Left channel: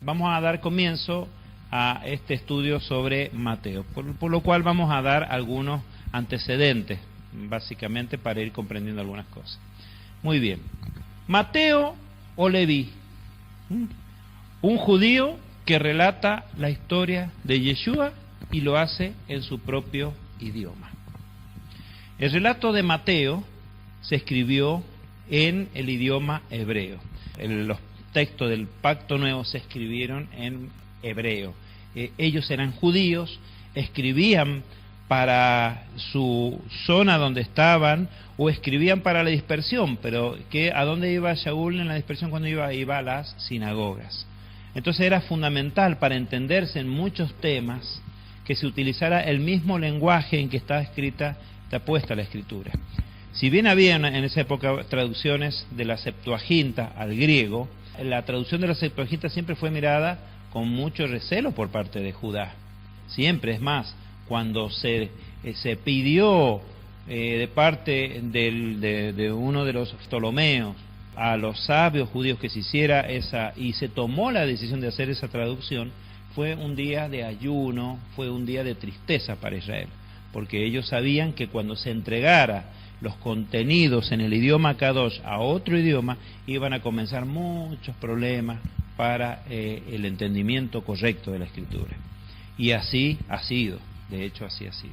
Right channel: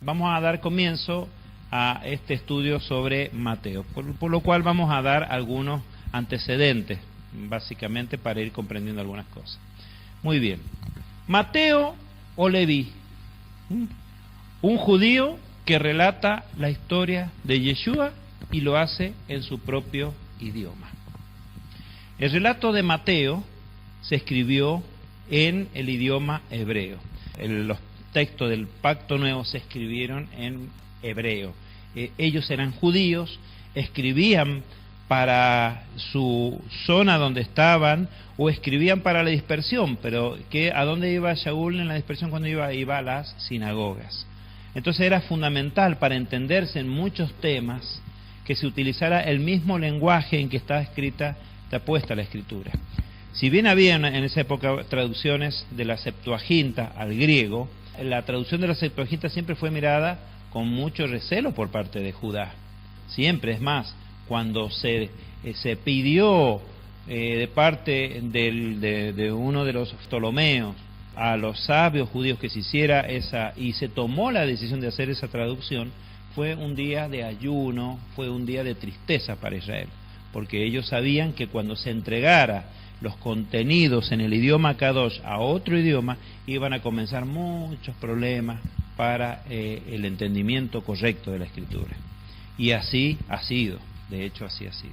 vamos a dar comienzo a este estudio sobre Mateo, por lo cual vamos a dar algunos antecedentes, básicamente para ir comprendiendo algunas cosas. Muy bien. Mateo o Leví, un judío que relata la historia de Yeshua y lo hace en su propio idioma. El relato de Mateo se escribió en el idioma hebreo. Los textos del Pacto Nuevo se escribieron en hebreo. Ellos eran judíos, escribían para su zona donde estaban o escribían para la dispersión, pero ¿a dónde iba Shaul en la dispersión cuando iba? Iba a las sinagogas. Entonces era fundamental para entenderse en muchos temas que se utilizara el mismo lenguaje en que está puesta la escritura. Si bien había en esa época traducciones de la Septuaginta al griego, la traducción de la Septuaginta siempre fue mirada con mucho recelo por parte de Judá. Siempre, es más, cuando se pidió de parte de uno de los Ptolomeos a los sabios judíos que se hiciera esa, y se tomó la decisión de hacer esa traducción, fue un día de ayuno, fue un día de tristeza para Israel, porque ellos sabían que cuando se entregara los contenidos en el idioma Kadosh a otro idioma, iban a comenzar muchos problemas para el entendimiento correcto de la Escritura. Y así ha sido, de hecho así ha sido.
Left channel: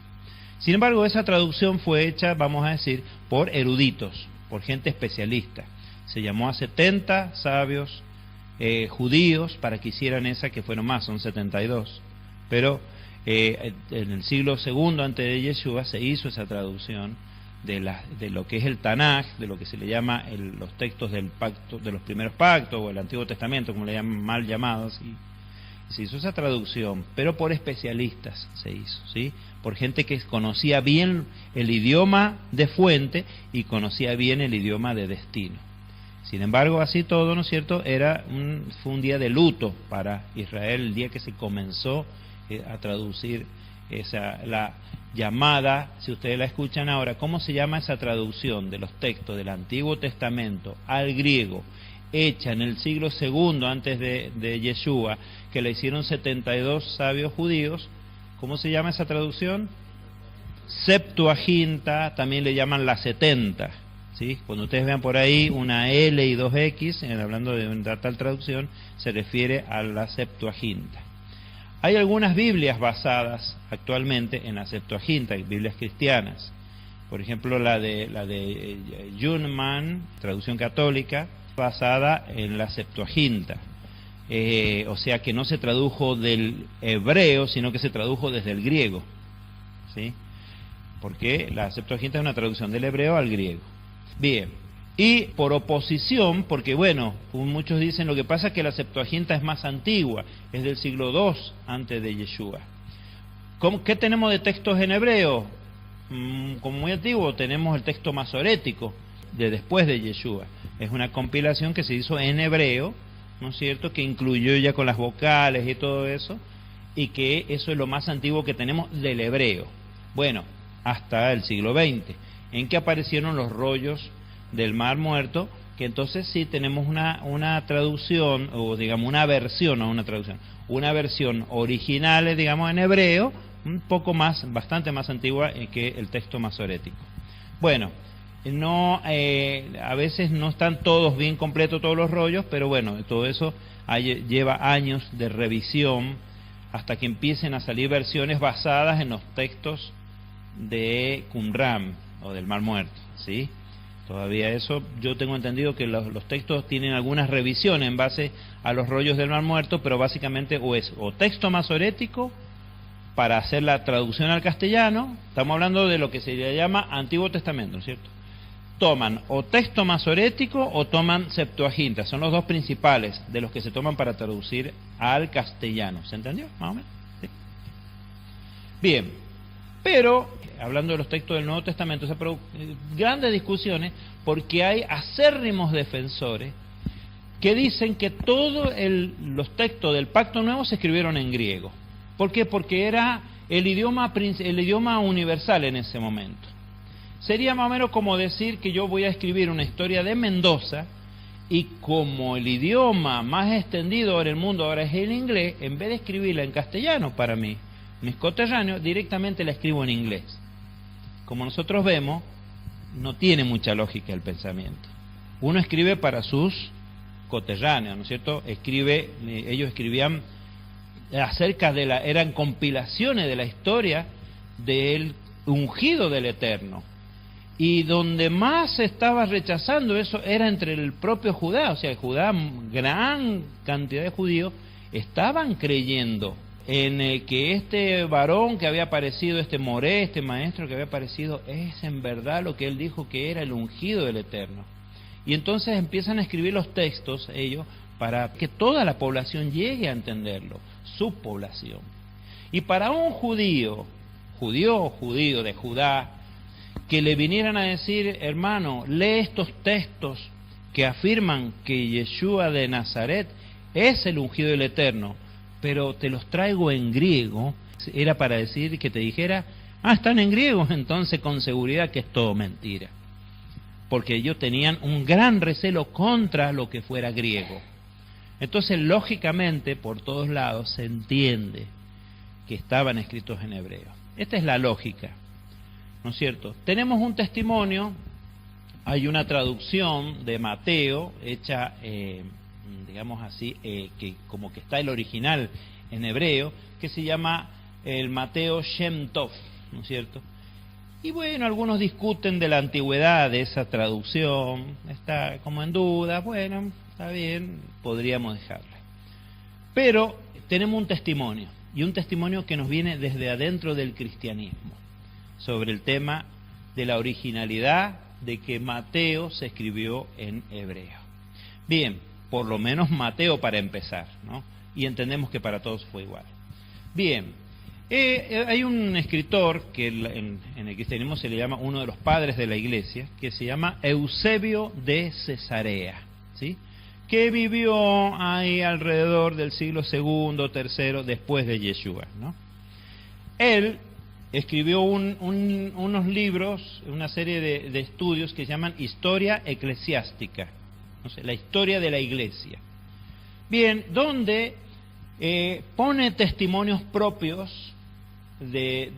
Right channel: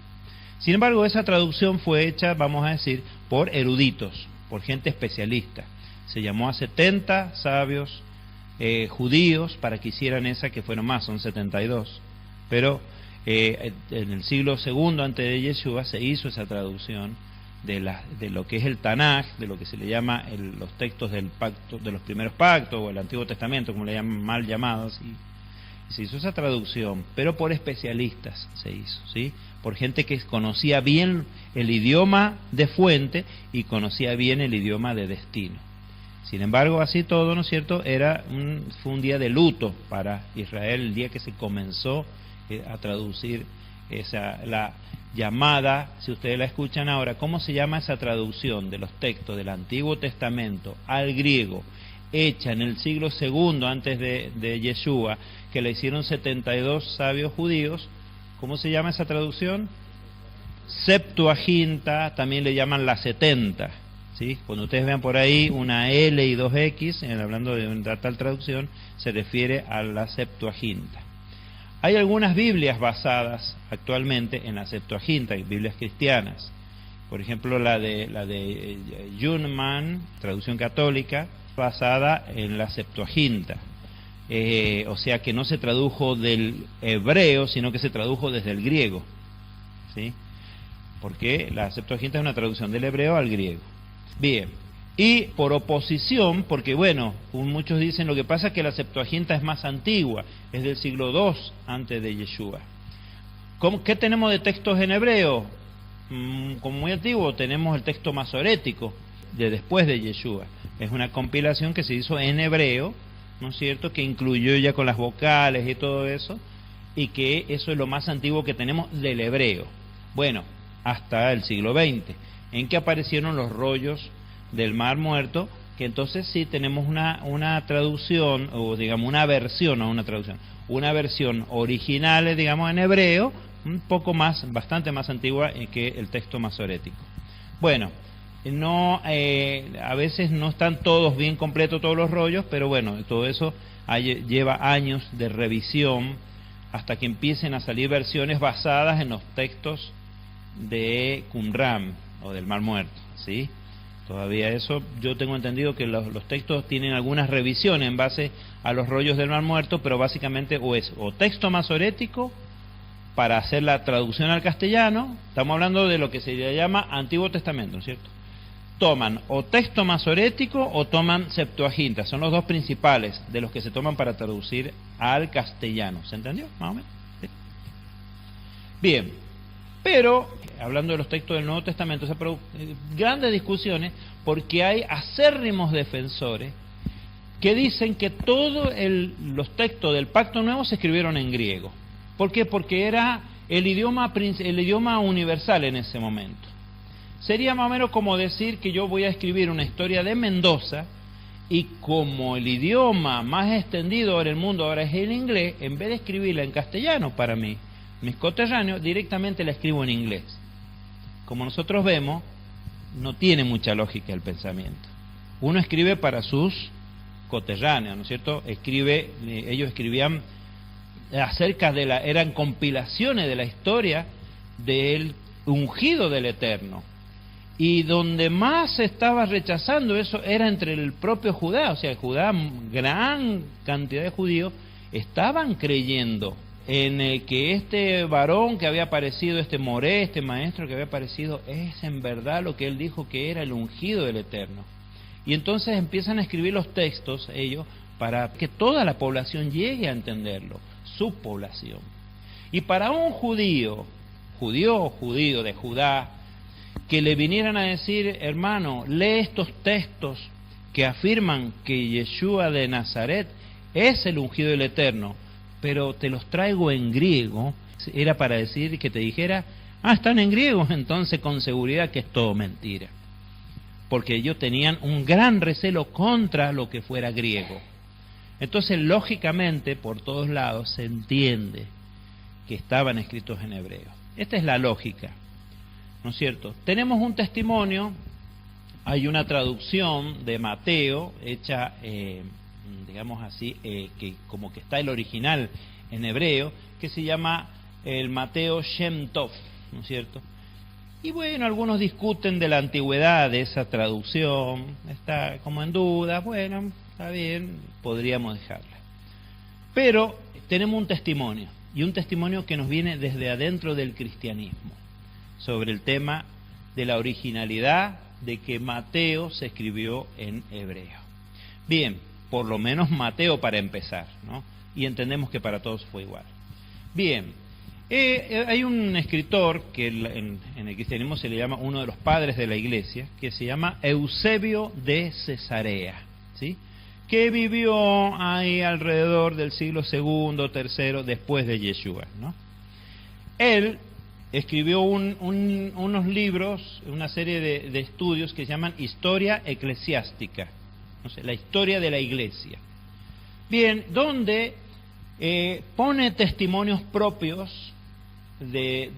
Sin embargo, esa traducción fue hecha, vamos a decir, por eruditos, por gente especialista. Se llamó a 70 sabios judíos para que hicieran esa, que fueron más, son 72. Pero en el siglo II antes de Yeshua se hizo esa traducción de lo que es el Tanaj, de lo que se le llama los textos del pacto, de los primeros pactos, o el Antiguo Testamento, como le llaman, mal llamados, y se hizo esa traducción, pero por especialistas se hizo, ¿sí? Por gente que conocía bien el idioma de fuente y conocía bien el idioma de destino. Sin embargo, así todo, ¿no es cierto?, fue un día de luto para Israel, el día que se comenzó a traducir la llamada, si ustedes la escuchan ahora, ¿cómo se llama esa traducción de los textos del Antiguo Testamento al griego, hecha en el siglo II antes de Yeshua, que la hicieron 72 sabios judíos? ¿Cómo se llama esa traducción? Septuaginta, también le llaman la 70, ¿sí? Cuando ustedes vean por ahí una L y dos X, hablando de una tal traducción, se refiere a la Septuaginta. Hay algunas Biblias basadas actualmente en la Septuaginta, Biblias cristianas. Por ejemplo, la de Junman, traducción católica, basada en la Septuaginta. O sea que no se tradujo del hebreo, sino que se tradujo desde el griego, ¿sí? Porque la Septuaginta es una traducción del hebreo al griego. Bien. Y por oposición, porque bueno, muchos dicen, lo que pasa es que la Septuaginta es más antigua, es del siglo II antes de Yeshua. ¿Qué tenemos de textos en hebreo? Como muy antiguo, tenemos el texto masorético de después de Yeshua. Es una compilación que se hizo en hebreo, ¿no es cierto?, que incluyó ya con las vocales y todo eso, y que eso es lo más antiguo que tenemos del hebreo. Bueno, hasta el siglo XX, en que aparecieron los rollos del Mar Muerto, que entonces sí tenemos una traducción, o digamos una versión, no una traducción, una versión original, digamos en hebreo, un poco más, bastante más antigua que el texto masorético. Bueno, a veces no están todos bien completos todos los rollos, pero bueno, todo eso lleva años de revisión hasta que empiecen a salir versiones basadas en los textos de Qumran o del Mar Muerto, ¿sí? Todavía eso, yo tengo entendido que los textos tienen algunas revisiones en base a los rollos del Mar Muerto, pero básicamente o texto masorético para hacer la traducción al castellano. Estamos hablando de lo que se llama Antiguo Testamento, ¿cierto? Toman o texto masorético o toman Septuaginta, son los dos principales de los que se toman para traducir al castellano. ¿Se entendió? ¿Más o menos? ¿Sí? Bien, pero hablando de los textos del Nuevo Testamento, grandes discusiones, porque hay acérrimos defensores que dicen que todos los textos del Pacto Nuevo se escribieron en griego. ¿Por qué? Porque era el idioma universal en ese momento. Sería más o menos como decir que yo voy a escribir una historia de Mendoza Y como el idioma más extendido en el mundo ahora es el inglés, en vez de escribirla en castellano para mí, mis coterráneos, directamente la escribo en inglés. Como nosotros vemos, no tiene mucha lógica el pensamiento. Uno escribe para sus coterráneos, ¿no es cierto? Ellos escribían acerca de eran compilaciones de la historia del ungido del Eterno. Y donde más se estaba rechazando eso era entre el propio Judá, o sea, Judá, gran cantidad de judíos estaban creyendo en que este varón que había aparecido, este Moré, este maestro que había aparecido, es en verdad lo que él dijo que era el ungido del Eterno. Y entonces empiezan a escribir los textos ellos para que toda la población llegue a entenderlo, su población. Y para un judío de Judá, que le vinieran a decir, hermano, lee estos textos que afirman que Yeshua de Nazaret es el ungido del Eterno, pero te los traigo en griego, era para decir que te dijera, están en griego, entonces con seguridad que es todo mentira. Porque ellos tenían un gran recelo contra lo que fuera griego. Entonces, lógicamente, por todos lados se entiende que estaban escritos en hebreo. Esta es la lógica, ¿no es cierto? Tenemos un testimonio, hay una traducción de Mateo, hecha, digamos así, que como que está el original en hebreo, que se llama el Mateo Shem Tov, ¿no es cierto? Y bueno, algunos discuten de la antigüedad de esa traducción, está como en duda, bueno, está bien, podríamos dejarla. Pero tenemos un testimonio, y un testimonio que nos viene desde adentro del cristianismo, sobre el tema de la originalidad de que Mateo se escribió en hebreo. Bien, por lo menos Mateo para empezar, ¿no? Y entendemos que para todos fue igual. Bien, hay un escritor que en el cristianismo se le llama uno de los padres de la iglesia, que se llama Eusebio de Cesarea, ¿sí? Que vivió ahí alrededor del siglo II, III, después de Yeshua, ¿no? Él escribió unos libros, una serie de estudios que se llaman Historia Eclesiástica, o sea, la historia de la iglesia. Bien, donde pone testimonios propios de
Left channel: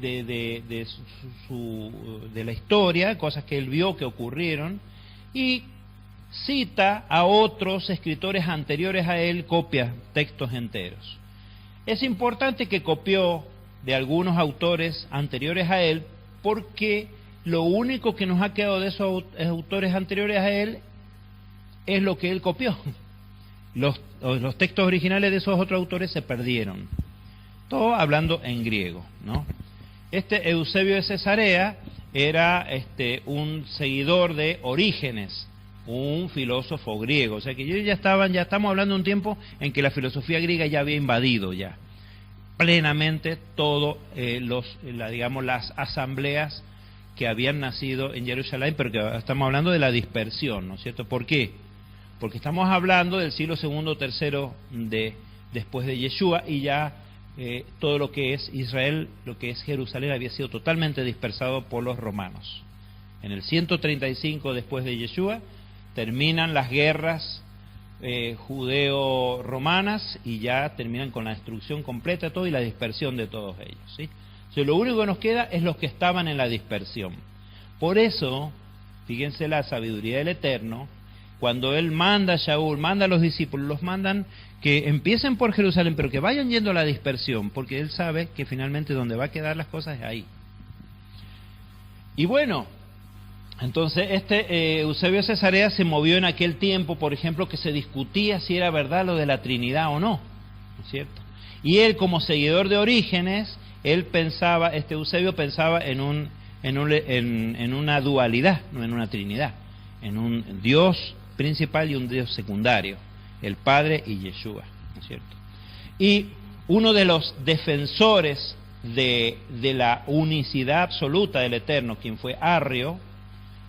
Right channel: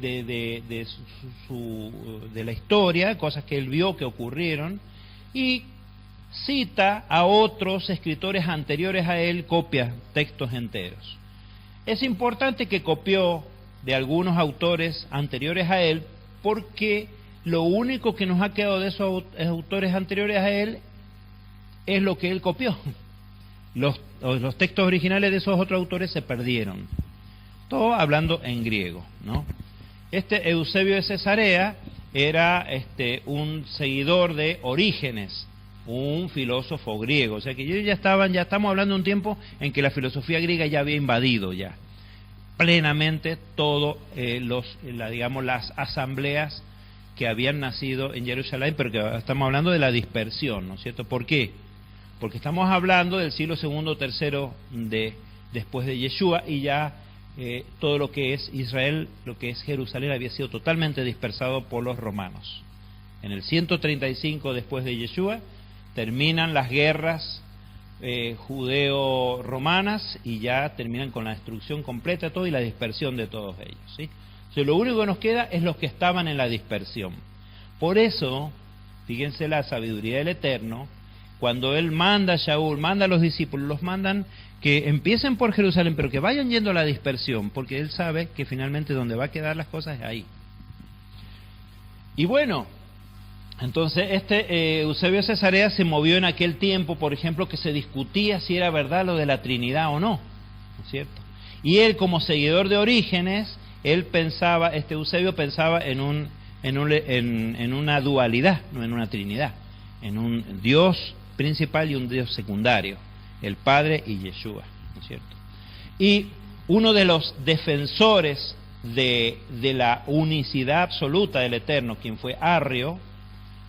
la historia, cosas que él vio que ocurrieron, y cita a otros escritores anteriores a él, copia textos enteros. Es importante que copió de algunos autores anteriores a él, porque lo único que nos ha quedado de esos autores anteriores a él es lo que él copió. Los textos originales de esos otros autores se perdieron. Todo hablando en griego, ¿no? Este Eusebio de Cesarea era un seguidor de Orígenes, un filósofo griego. O sea que ya estamos hablando de un tiempo en que la filosofía griega ya había invadido ya plenamente todo las asambleas que habían nacido en Jerusalén, pero que estamos hablando de la dispersión, ¿no es cierto? ¿Por qué? Porque estamos hablando del siglo II, III después de Yeshua, y ya todo lo que es Israel, lo que es Jerusalén, había sido totalmente dispersado por los romanos. En el 135 después de Yeshua terminan las guerras judeo-romanas y ya terminan con la destrucción completa de todo y la dispersión de todos ellos, ¿sí? O sea, lo único que nos queda es los que estaban en la dispersión. Por eso, fíjense la sabiduría del Eterno, cuando él manda a Shaul, manda a los discípulos, los mandan que empiecen por Jerusalén, pero que vayan yendo a la dispersión, porque él sabe que finalmente donde va a quedar las cosas es ahí. Y bueno, entonces Eusebio de Cesarea se movió en aquel tiempo, por ejemplo, que se discutía si era verdad lo de la Trinidad o no, ¿no es cierto? Y él, como seguidor de Orígenes, Eusebio pensaba en una dualidad, no en una Trinidad, en un Dios principal y un Dios secundario, el Padre y Yeshua, ¿no es cierto? Y uno de los defensores de la unicidad absoluta del Eterno, quien fue Arrio,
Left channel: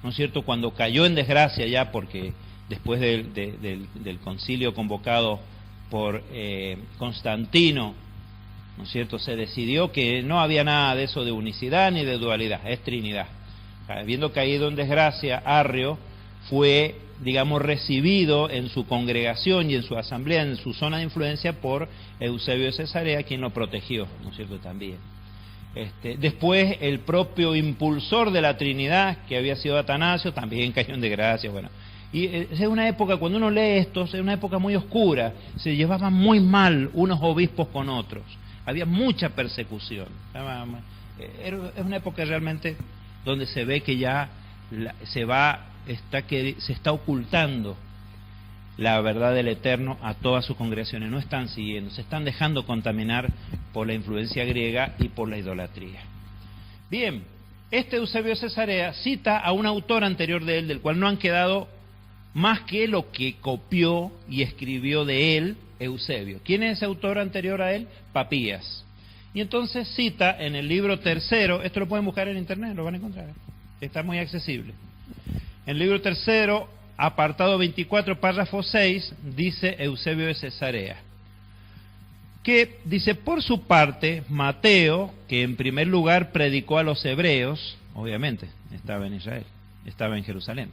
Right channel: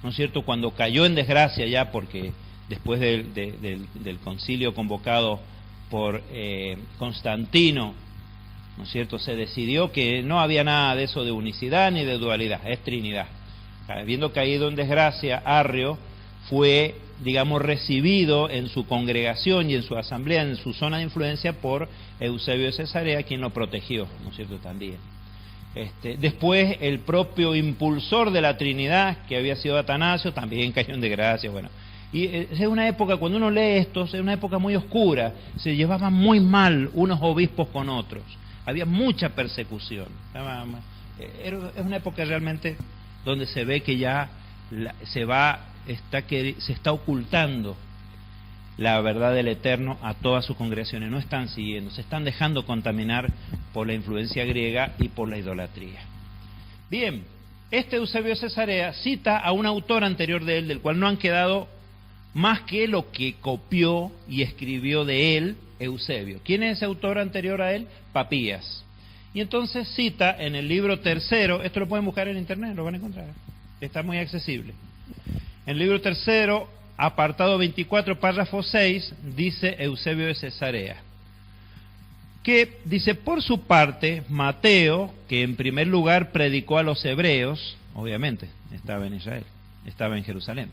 ¿no es cierto?, cuando cayó en desgracia ya, porque después del concilio convocado por Constantino, ¿no es cierto?, se decidió que no había nada de eso de unicidad ni de dualidad, es Trinidad. Habiendo caído en desgracia, Arrio fue digamos, recibido en su congregación y en su asamblea, en su zona de influencia, por Eusebio de Cesarea, quien lo protegió, ¿no es cierto?, también. Después, el propio impulsor de la Trinidad, que había sido Atanasio, también cayó en desgracia, bueno. Y es una época, cuando uno lee esto, es una época muy oscura, se llevaban muy mal unos obispos con otros, había mucha persecución. Es una época realmente donde se ve que ya se está ocultando la verdad del Eterno a todas sus congregaciones, no están siguiendo, se están dejando contaminar por la influencia griega y por la idolatría. Bien, Eusebio de Cesarea cita a un autor anterior de él, del cual no han quedado más que lo que copió y escribió de él Eusebio. ¿Quién es ese autor anterior a él? Papías. Y entonces cita en el libro tercero, esto lo pueden buscar en internet, lo van a encontrar, está muy accesible. En el libro tercero, apartado 24, párrafo 6, dice Eusebio de Cesarea, que dice: por su parte, Mateo, que en primer lugar predicó a los hebreos, obviamente, estaba en Israel, estaba en Jerusalén,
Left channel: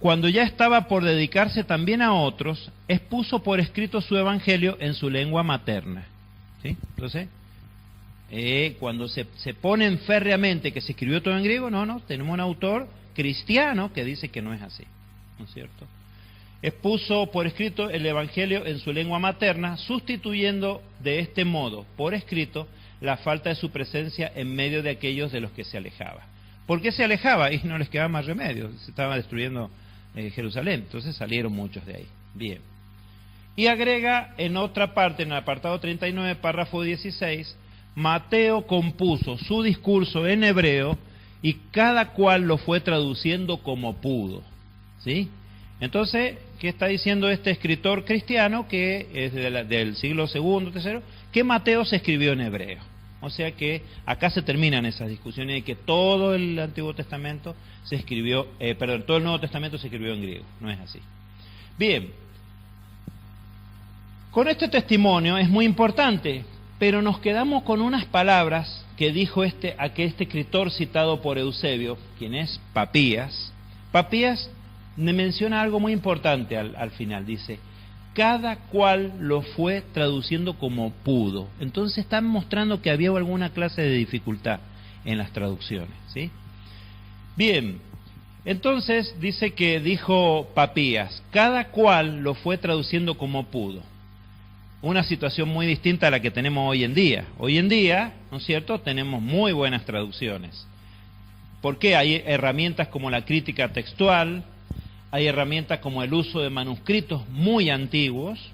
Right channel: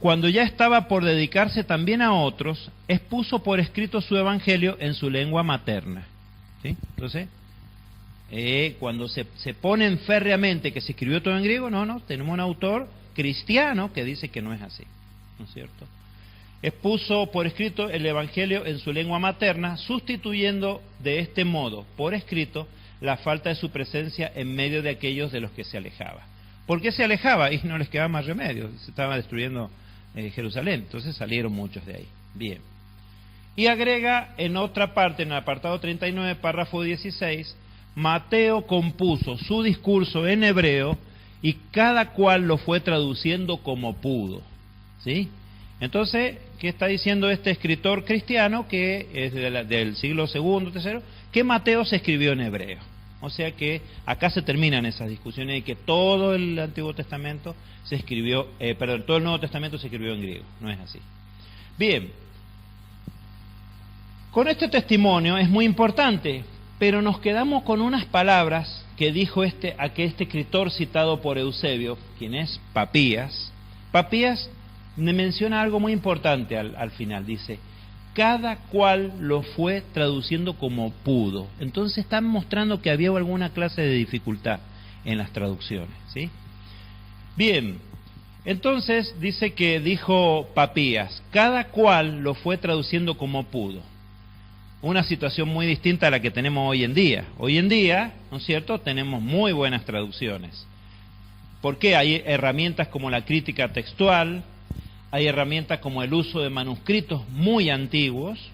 cuando ya estaba por dedicarse también a otros, expuso por escrito su evangelio en su lengua materna. ¿Sí? Entonces, cuando se ponen férreamente que se escribió todo en griego, no, tenemos un autor cristiano que dice que no es así, ¿no es cierto? Expuso por escrito el evangelio en su lengua materna, sustituyendo de este modo, por escrito, la falta de su presencia en medio de aquellos de los que se alejaba. ¿Por qué se alejaba? Y no les quedaba más remedio, se estaba destruyendo Jerusalén, entonces salieron muchos de ahí. Bien. Y agrega en otra parte, en el apartado 39, párrafo 16, Mateo compuso su discurso en hebreo y cada cual lo fue traduciendo como pudo. ¿Sí? Entonces, ¿qué está diciendo este escritor cristiano, que es del siglo II, III? Que Mateo se escribió en hebreo. O sea que acá se terminan esas discusiones de que todo el Antiguo Testamento se escribió, todo el Nuevo Testamento se escribió en griego. No es así. Bien, con este testimonio es muy importante, pero nos quedamos con unas palabras que dijo este escritor citado por Eusebio, quien es Papías. Papías me menciona algo muy importante al final, dice: cada cual lo fue traduciendo como pudo. Entonces están mostrando que había alguna clase de dificultad en las traducciones, ¿sí? Bien, entonces dijo Papías, cada cual lo fue traduciendo como pudo. Una situación muy distinta a la que tenemos hoy en día. Hoy en día, ¿no es cierto?, tenemos muy buenas traducciones. ¿Por qué? Hay herramientas como la crítica textual, hay herramientas como el uso de manuscritos muy antiguos,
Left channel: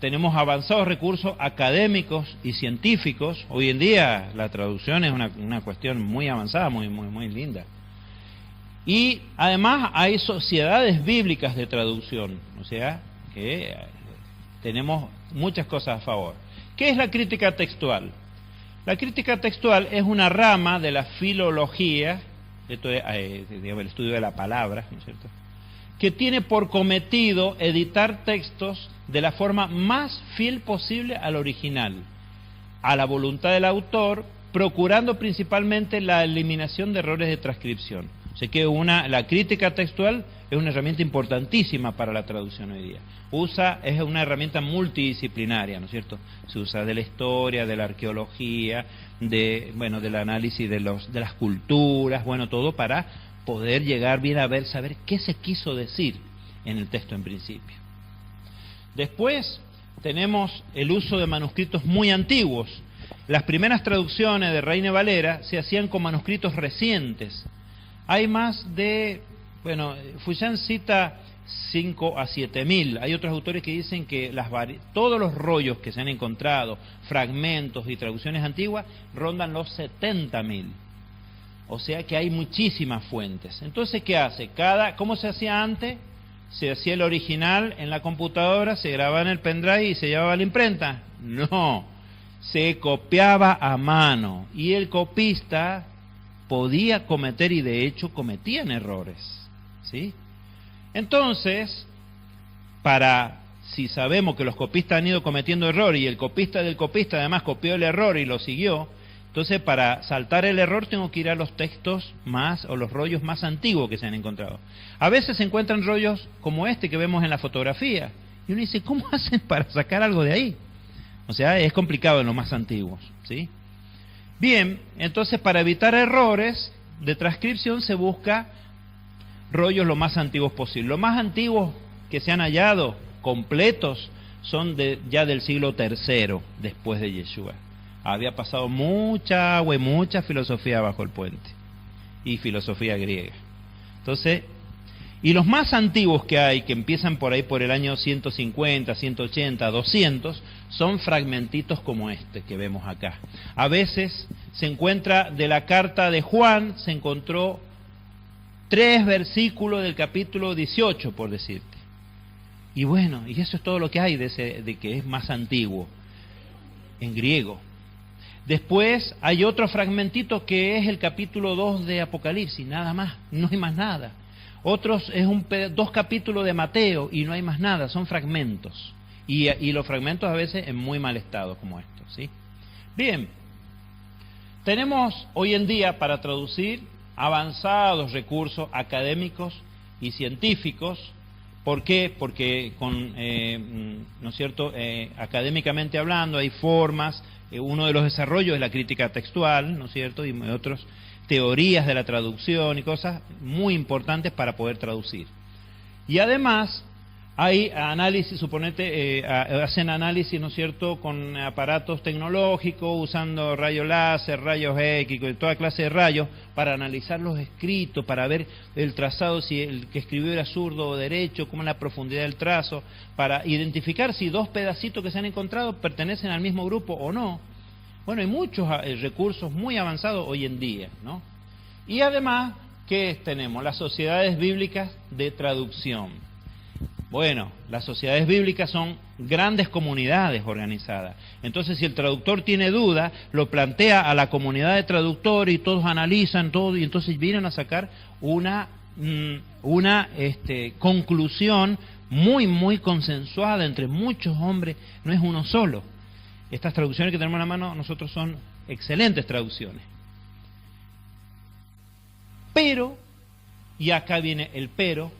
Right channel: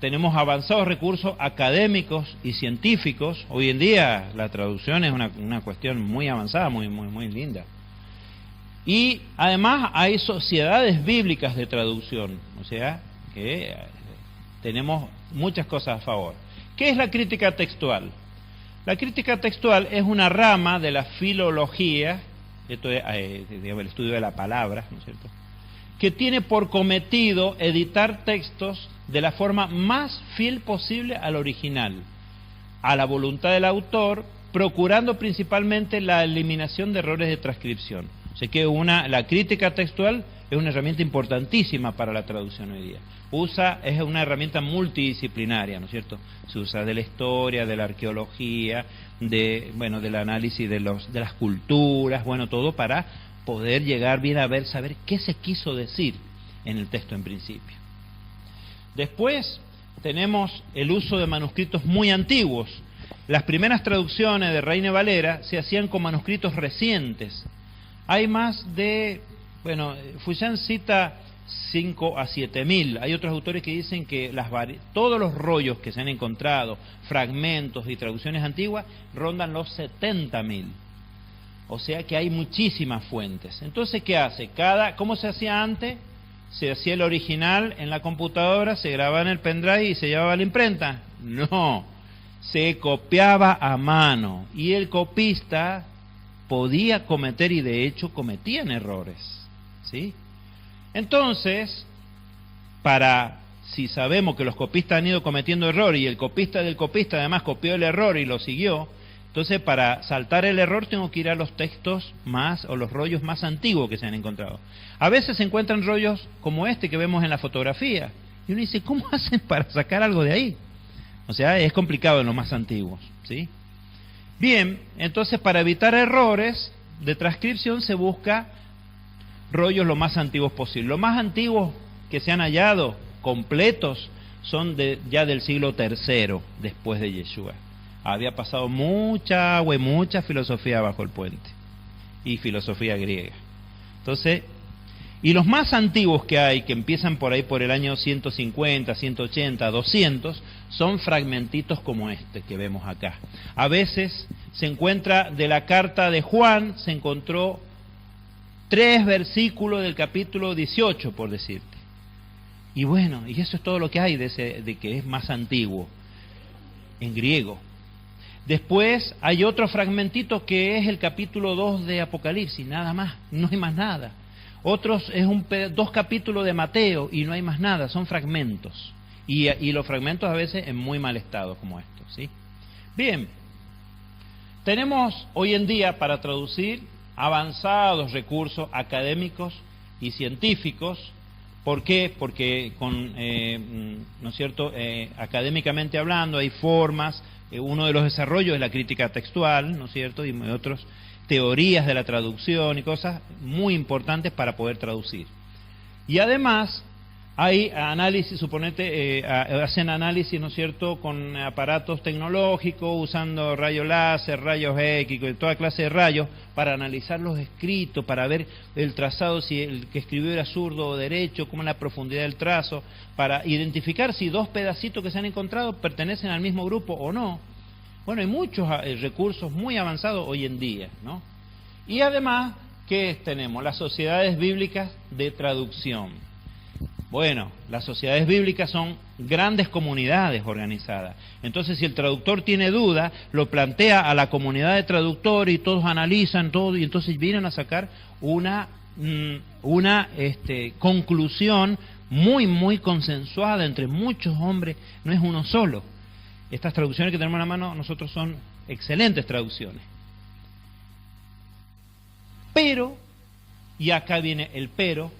tenemos avanzados recursos académicos y científicos. Hoy en día la traducción es una cuestión muy avanzada, muy linda. Y además hay sociedades bíblicas de traducción, o sea que tenemos muchas cosas a favor. ¿Qué es la crítica textual? La crítica textual es una rama de la filología, esto es el estudio de la palabra, ¿no es cierto?, que tiene por cometido editar textos de la forma más fiel posible al original, a la voluntad del autor, procurando principalmente la eliminación de errores de transcripción. O sea que la crítica textual es una herramienta importantísima para la traducción hoy día. Es una herramienta multidisciplinaria, ¿no es cierto? Se usa de la historia, de la arqueología, del análisis de las culturas, todo para poder llegar bien a saber qué se quiso decir en el texto en principio. Después tenemos el uso de manuscritos muy antiguos. Las primeras traducciones de Reina Valera se hacían con manuscritos recientes. Hay más de, Fuyán cita 5 a 7.000. Hay otros autores que dicen que todos los rollos que se han encontrado, fragmentos y traducciones antiguas, rondan los 70.000. O sea que hay muchísimas fuentes. Entonces, ¿qué hace? ¿Cómo se hacía antes? Se hacía el original en la computadora, se grababa en el pendrive y se llevaba a la imprenta. No, se copiaba a mano y el copista podía cometer, y de hecho cometían errores, ¿sí? Entonces, si sabemos que los copistas han ido cometiendo errores y el copista del copista además copió el error y lo siguió, Entonces, para saltar el error tengo que ir a los textos más, o los rollos más antiguos que se han encontrado. A veces se encuentran rollos como este que vemos en la fotografía. Y uno dice, ¿cómo hacen para sacar algo de ahí? O sea, es complicado en los más antiguos, ¿sí? Bien, entonces para evitar errores de transcripción se busca rollos lo más antiguos posible. Los más antiguos que se han hallado, completos, son ya del siglo III después de Yeshua. Había pasado mucha agua y mucha filosofía bajo el puente, y filosofía griega. Entonces, y los más antiguos que hay, que empiezan por ahí por el año 150, 180, 200, son fragmentitos como este que vemos acá. A veces se encuentra de la carta de Juan, se encontró 3 versículos del capítulo 18, por decirte. Y bueno, y eso es todo lo que hay de que es más antiguo, en griego. Después hay otro fragmentito que es el capítulo 2 de Apocalipsis, nada más, no hay más nada. Otros es 2 capítulos de Mateo y no hay más nada, son fragmentos. Y los fragmentos a veces en muy mal estado como estos, ¿sí? Bien, tenemos hoy en día para traducir avanzados recursos académicos y científicos. ¿Por qué? Porque ¿no es cierto? Académicamente hablando hay formas, uno de los desarrollos es la crítica textual, ¿no es cierto? Y otros teorías de la traducción y cosas muy importantes para poder traducir. Y además hay análisis, suponete, hacen análisis, ¿no es cierto?, con aparatos tecnológicos, usando rayos láser, rayos X, toda clase de rayos, para analizar los escritos, para ver el trazado, si el que escribió era zurdo o derecho, cómo es la profundidad del trazo, para identificar si 2 pedacitos que se han encontrado pertenecen al mismo grupo o no. Bueno, hay muchos recursos muy avanzados hoy en día, ¿no? Y además, ¿qué tenemos? Las sociedades bíblicas de traducción. Bueno, las sociedades bíblicas son grandes comunidades organizadas. Entonces, si el traductor tiene duda, lo plantea a la comunidad de traductores y todos analizan todo y entonces vienen a sacar una conclusión muy consensuada entre muchos hombres, no es uno solo. Estas traducciones que tenemos en la mano nosotros son excelentes traducciones. Pero, y acá viene el pero,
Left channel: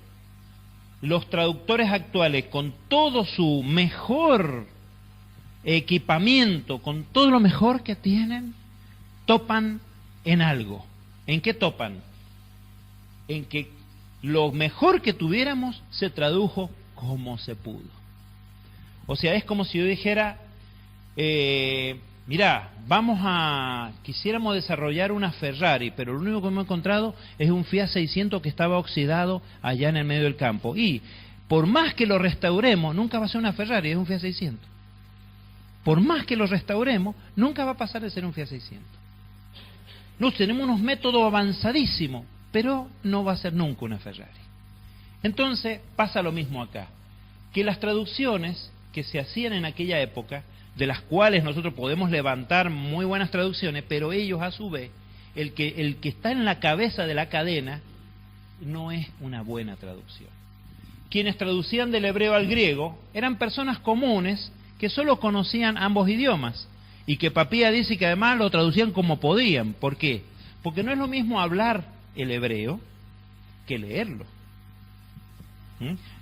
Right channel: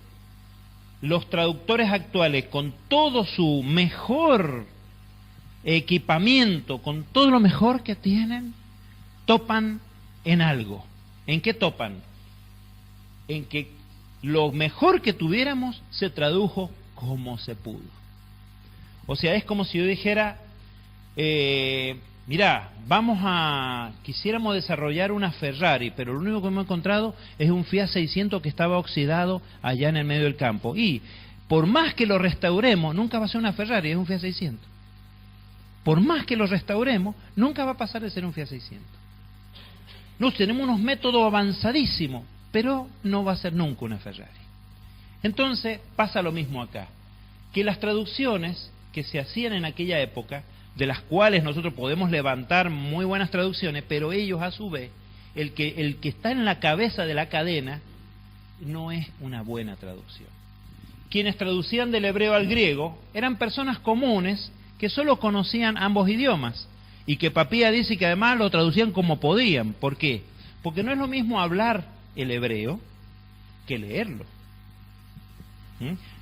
los traductores actuales, con todo su mejor equipamiento, con todo lo mejor que tienen, topan en algo. ¿En qué topan? En que lo mejor que tuviéramos se tradujo como se pudo. O sea, es como si yo dijera, mirá, quisiéramos desarrollar una Ferrari, pero lo único que hemos encontrado es un Fiat 600 que estaba oxidado allá en el medio del campo. Y por más que lo restauremos, nunca va a ser una Ferrari, es un Fiat 600. Por más que lo restauremos, nunca va a pasar de ser un Fiat 600. No, tenemos unos métodos avanzadísimos, pero no va a ser nunca una Ferrari. Entonces pasa lo mismo acá, que las traducciones que se hacían en aquella época, de las cuales nosotros podemos levantar muy buenas traducciones, pero ellos a su vez, el que está en la cabeza de la cadena, no es una buena traducción. Quienes traducían del hebreo al griego eran personas comunes que solo conocían ambos idiomas, y que Papía dice que además lo traducían como podían. ¿Por qué? Porque no es lo mismo hablar el hebreo que leerlo.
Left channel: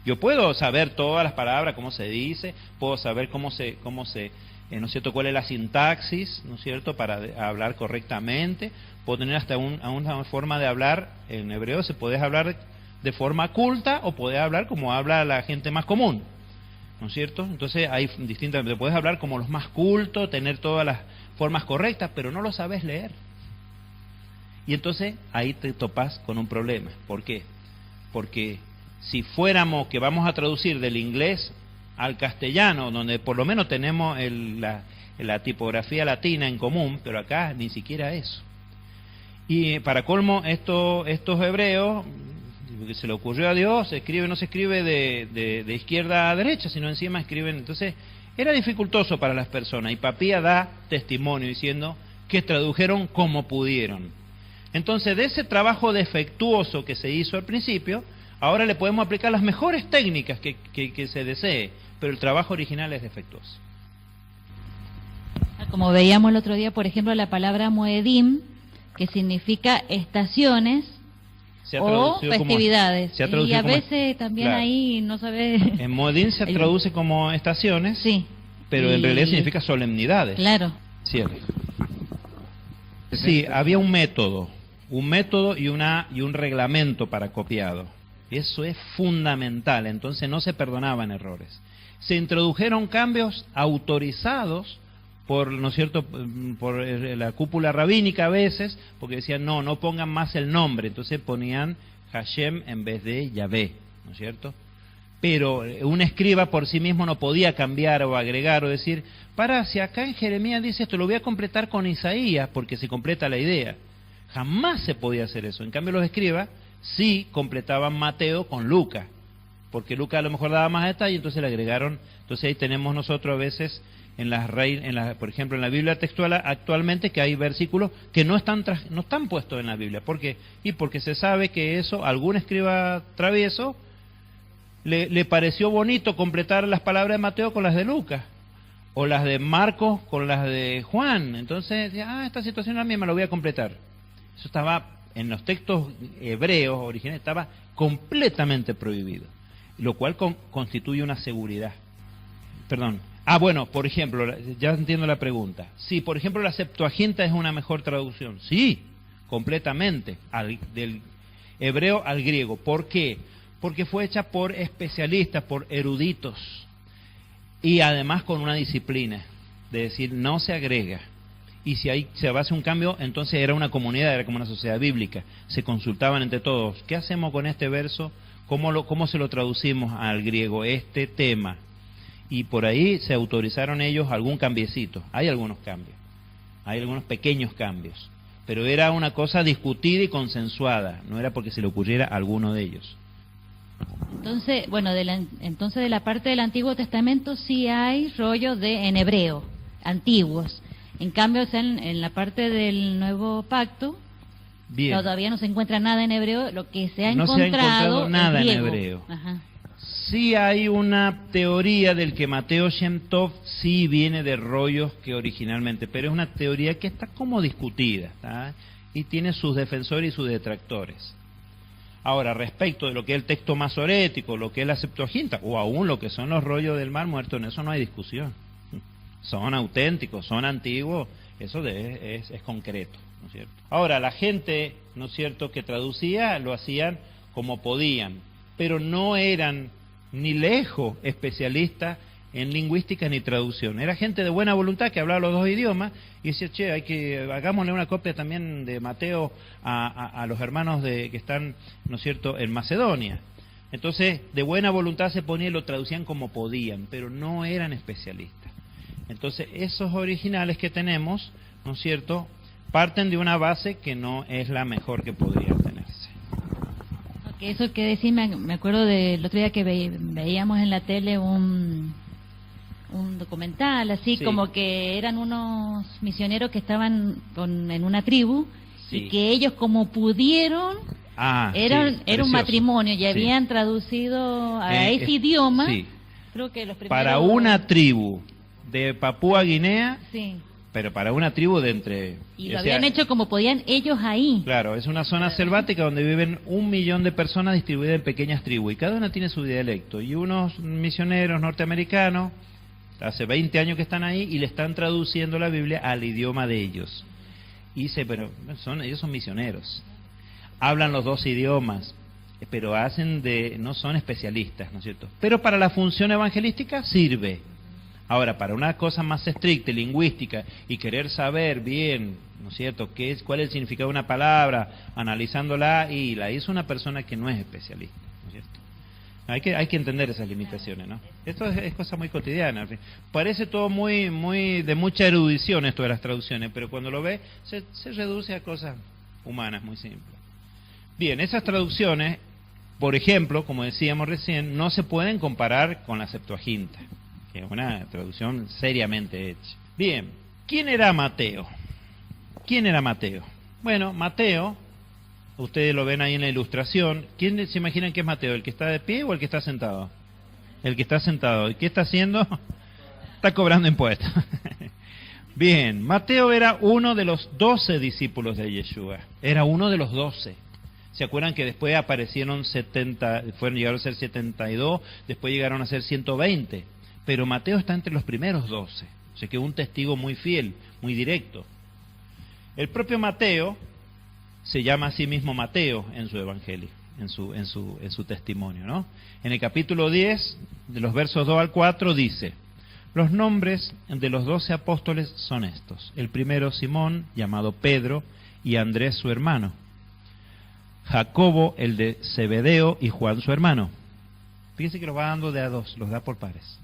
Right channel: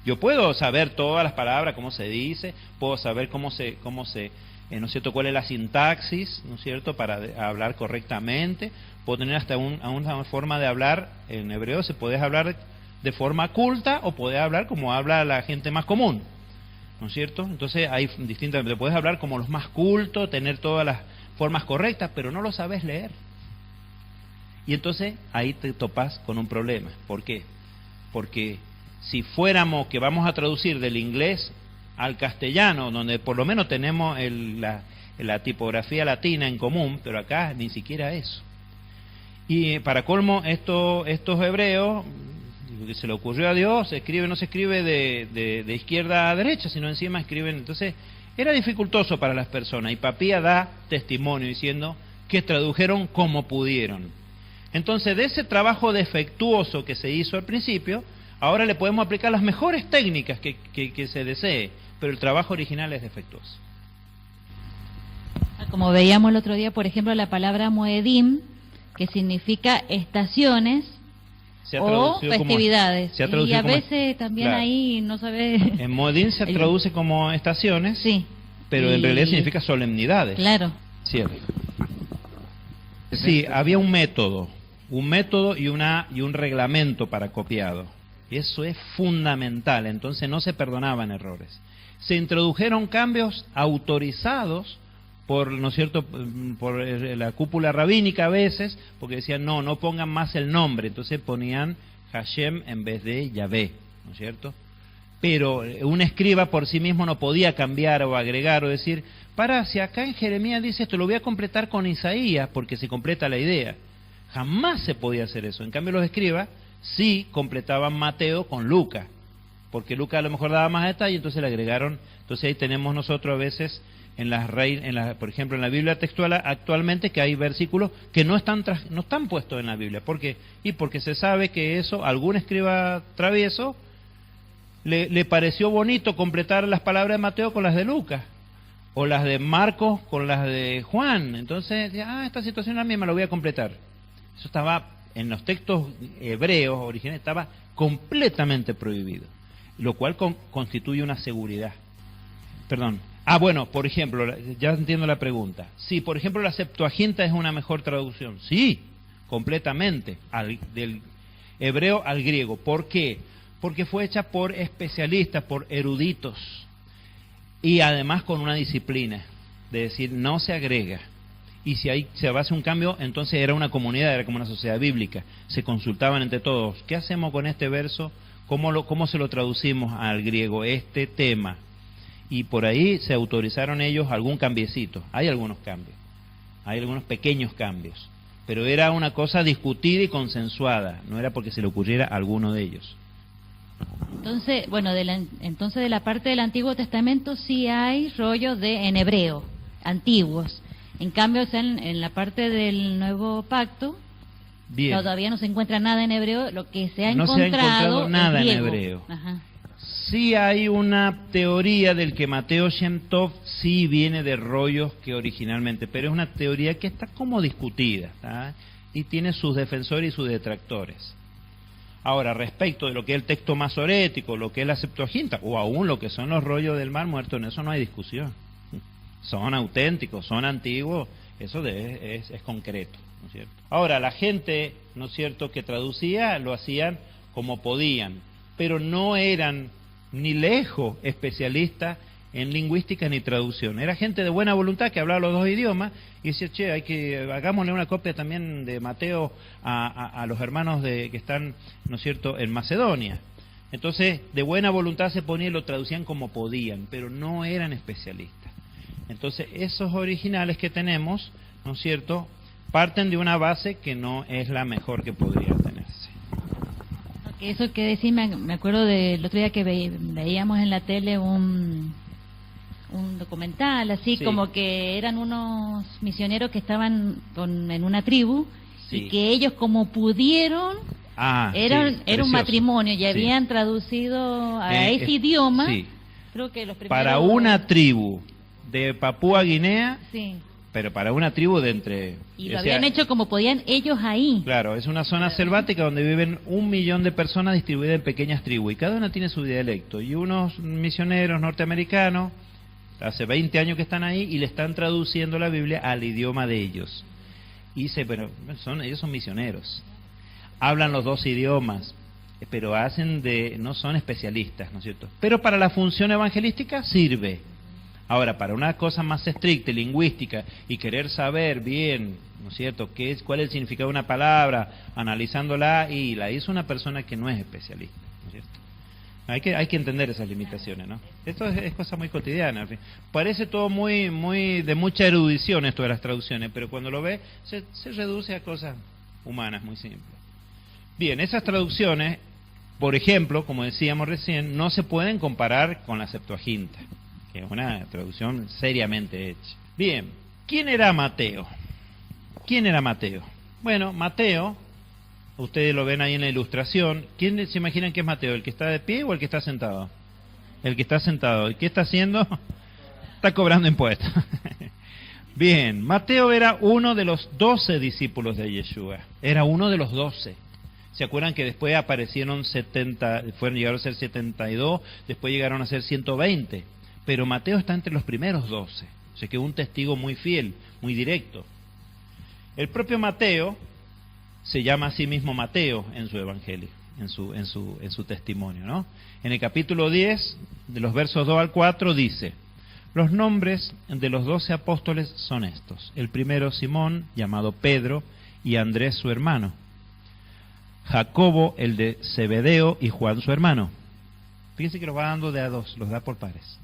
Yo puedo saber todas las palabras, cómo se dice, puedo saber cómo se ¿no es cierto?, cuál es la sintaxis, ¿no es cierto?, para hablar correctamente. Puedo tener hasta una forma de hablar en hebreo, se puede hablar de forma culta o puede hablar como habla la gente más común, ¿no es cierto? Entonces hay distintas, te puedes hablar como los más cultos, tener todas las formas correctas, pero no lo sabes leer. Y entonces ahí te topas con un problema. ¿Por qué? Porque si fuéramos que vamos a traducir del inglés al castellano, donde por lo menos tenemos la tipografía latina en común, pero acá ni siquiera eso. Y para colmo, estos hebreos, que se le ocurrió a Dios, no se escribe de izquierda a derecha, sino encima escriben. Entonces era dificultoso para las personas, y Papía da testimonio diciendo que tradujeron como pudieron. Entonces, de ese trabajo defectuoso que se hizo al principio, ahora le podemos aplicar las mejores técnicas que se desee, pero el trabajo original es defectuoso. como veíamos el otro día, por ejemplo, la palabra Moedim, que significa estaciones o festividades. Y a veces también claro. Ahí no sabe... En Moedim se traduce como estaciones, sí, pero en realidad significa solemnidades. Claro. Cierto. Sí, había un método y un reglamento para copiado. Eso es fundamental, entonces no se perdonaban errores. Se introdujeron cambios autorizados por, ¿no es cierto?, por la cúpula rabínica a veces, porque decían, no pongan más el nombre, entonces ponían Hashem en vez de Yahvé, ¿no es cierto? Pero un escriba por sí mismo no podía cambiar o agregar o decir, si acá en Jeremías dice esto, lo voy a completar con Isaías, porque se completa la idea. Jamás se podía hacer eso. En cambio los escribas sí completaban Mateo con Lucas, porque Lucas a lo mejor daba más detalle, entonces le agregaron. Entonces ahí tenemos nosotros a veces, por ejemplo en la Biblia textual actualmente, que hay versículos que no están puestos en la Biblia. ¿Por qué? Y porque se sabe que eso, algún escriba travieso, le pareció bonito completar las palabras de Mateo con las de Lucas, o las de Marcos con las de Juan. Entonces, esta situación a mí me lo voy a completar. Eso estaba en los textos hebreos originales, estaba completamente prohibido, lo cual constituye una seguridad. Perdón. Bueno, por ejemplo, ya entiendo la pregunta. Sí, por ejemplo, la Septuaginta es una mejor traducción. Sí, completamente, del hebreo al griego. ¿Por qué? Porque fue hecha por especialistas, por eruditos, y además con una disciplina, de decir, no se agrega. Y si ahí se hace un cambio, entonces era una comunidad, era como una sociedad bíblica. Se consultaban entre todos. ¿Qué hacemos con este verso? ¿Cómo se lo traducimos al griego, este tema? Y por ahí se autorizaron ellos algún cambiecito. Hay algunos cambios, hay algunos pequeños cambios. Pero era una cosa discutida y consensuada. No era porque se le ocurriera a alguno de ellos. Entonces, bueno, entonces de la parte del Antiguo Testamento sí hay rollos en hebreo, antiguos. En cambio, en la parte del Nuevo Pacto, bien, todavía no se encuentra nada en hebreo. Lo que se ha encontrado nada en hebreo. Ajá. Sí hay una teoría del que Mateo Shem Tov sí viene de rollos que originalmente, pero es una teoría que está como discutida, ¿tá? Y tiene sus defensores y sus detractores. Ahora, respecto de lo que es el texto masorético, lo que es la Septuaginta, o aún lo que son los rollos del Mar Muerto, en eso no hay discusión. Son auténticos, son antiguos, eso es concreto, ¿no es cierto? Ahora, la gente, ¿no es cierto?, que traducía, lo hacían como podían, pero no eran ni lejos especialistas en lingüística ni traducción. Era gente de buena voluntad que hablaba los dos idiomas y decía, hagámosle una copia también de Mateo a los hermanos que están, ¿no es cierto?, en Macedonia. Entonces, de buena voluntad se ponían y lo traducían como podían, pero no eran especialistas. Entonces, esos originales que tenemos, ¿no es cierto?, parten de una base que no es la mejor que podría tenerse. Okay, eso que decís, me acuerdo del otro día que veíamos en la tele un documental, así, sí, como que eran unos misioneros que estaban en una tribu, sí, y que ellos como pudieron, era un matrimonio, y habían traducido a ese idioma, sí, creo que los primeros... Para una tribu de Papúa Guinea, sí, pero para una tribu de entre... Y lo habían hecho como podían ellos ahí. Claro, es una zona selvática donde viven 1 millón de personas distribuidas en pequeñas tribus, y cada una tiene su dialecto. Y unos misioneros norteamericanos, hace 20 años que están ahí, y le están traduciendo la Biblia al idioma de ellos. Y dice, pero ellos son misioneros. Hablan los dos idiomas, pero no son especialistas, ¿no es cierto? Pero para la función evangelística sirve. Ahora, para una cosa más estricta, lingüística, y querer saber bien, ¿no es cierto?, cuál es el significado de una palabra, analizándola, y la hizo una persona que no es especialista, ¿no es cierto? Hay que entender esas limitaciones, ¿no? Esto es cosa muy cotidiana. Parece todo muy de mucha erudición esto de las traducciones, pero cuando lo ve, se reduce a cosas humanas, muy simples. Bien, esas traducciones, por ejemplo, como decíamos recién, no se pueden comparar con la Septuaginta, que es una traducción seriamente hecha. Bien, ¿quién era Mateo? ¿Quién era Mateo? Bueno, Mateo, ustedes lo ven ahí en la ilustración. ¿Quién se imaginan que es Mateo? ¿El que está de pie o el que está sentado? El que está sentado. ¿Y qué está haciendo? Está cobrando impuestos. Bien, Mateo era uno de los 12 discípulos de Yeshua, era uno de los 12. ¿Se acuerdan que después aparecieron 70, llegaron a ser 72, después llegaron a ser 120? Pero Mateo está entre los primeros 12, o sea que un testigo muy fiel, muy directo. El propio Mateo se llama a sí mismo Mateo en su evangelio, en su testimonio, ¿no? En el capítulo 10, de los versos 2 al 4, dice: los nombres de los 12 apóstoles son estos. El primero, Simón, llamado Pedro, y Andrés su hermano. Jacobo, el de Zebedeo, y Juan su hermano. Fíjense que los va dando de a dos, los da por pares.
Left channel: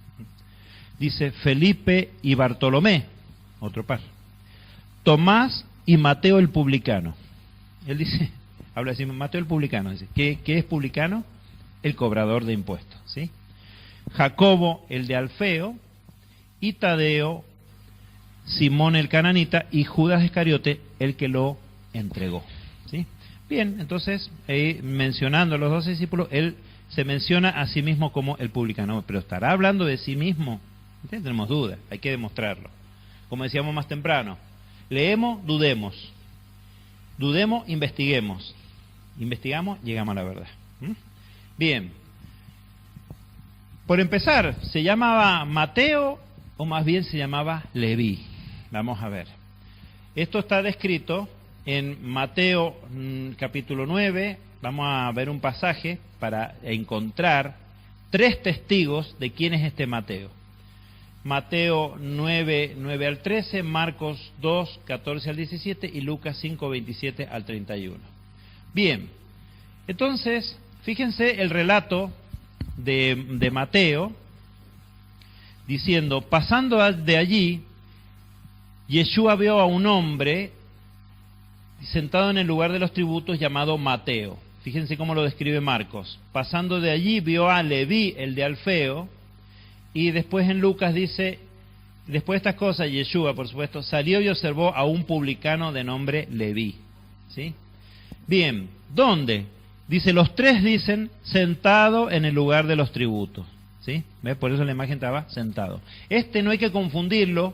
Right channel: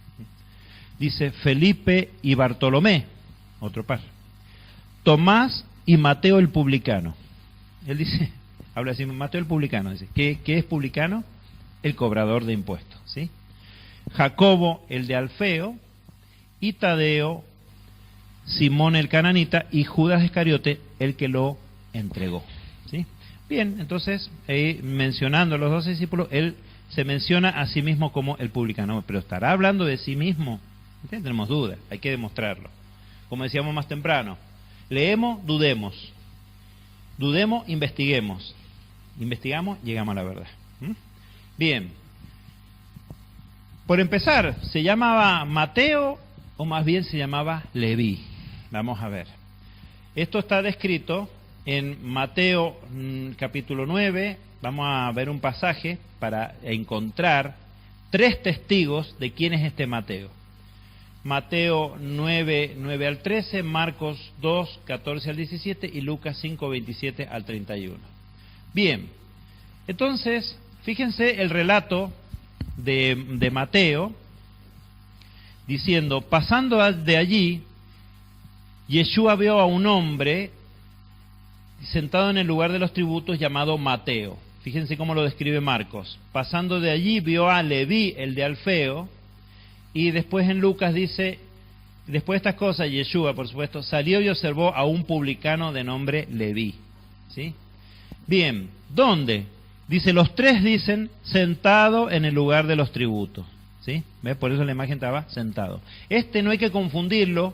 Dice Felipe y Bartolomé, otro par. Tomás y Mateo el publicano. Él dice, habla así, Mateo el publicano. Dice, ¿qué es publicano? El cobrador de impuestos, ¿sí? Jacobo, el de Alfeo, y Tadeo, Simón el cananita, y Judas Iscariote, el que lo entregó, ¿sí? Bien, entonces, mencionando a los 12 discípulos, él se menciona a sí mismo como el publicano, pero ¿estará hablando de sí mismo? Tenemos dudas, hay que demostrarlo. Como decíamos más temprano, leemos, dudemos. Dudemos, investiguemos. Investigamos, llegamos a la verdad. Bien. Por empezar, ¿se llamaba Mateo o más bien se llamaba Leví? Vamos a ver. Esto está descrito en Mateo capítulo 9. Vamos a ver un pasaje para encontrar 3 testigos de quién es este Mateo. Mateo 9, 9 al 13, Marcos 2, 14 al 17 y Lucas 5, 27 al 31. Bien, entonces, fíjense el relato de Mateo, diciendo, pasando de allí, Yeshua vio a un hombre sentado en el lugar de los tributos llamado Mateo. Fíjense cómo lo describe Marcos. Pasando de allí vio a Leví, el de Alfeo, y después en Lucas dice, después de estas cosas, Yeshua, por supuesto, salió y observó a un publicano de nombre Leví. ¿Sí? Bien, ¿dónde? Dice, los 3 dicen, sentado en el lugar de los tributos. ¿Sí? ¿Ves? Por eso la imagen estaba sentado. No hay que confundirlo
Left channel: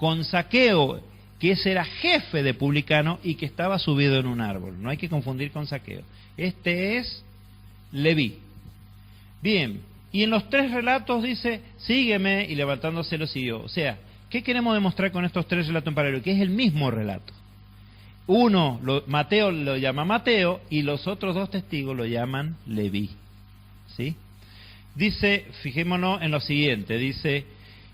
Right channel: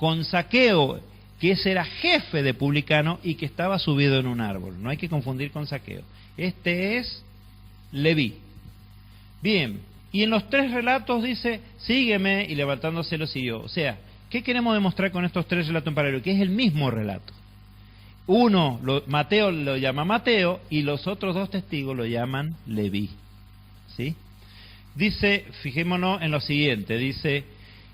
con Zaqueo, que ese era jefe de publicano y que estaba subido en un árbol. No hay que confundir con Zaqueo. Este es Leví. Bien. Y en los 3 relatos dice, sígueme, y levantándose lo siguió. O sea, ¿qué queremos demostrar con estos 3 relatos en paralelo? Que es el mismo relato. Uno, Mateo lo llama Mateo, y los otros 2 testigos lo llaman Leví. ¿Sí? Dice, fijémonos en lo siguiente, dice,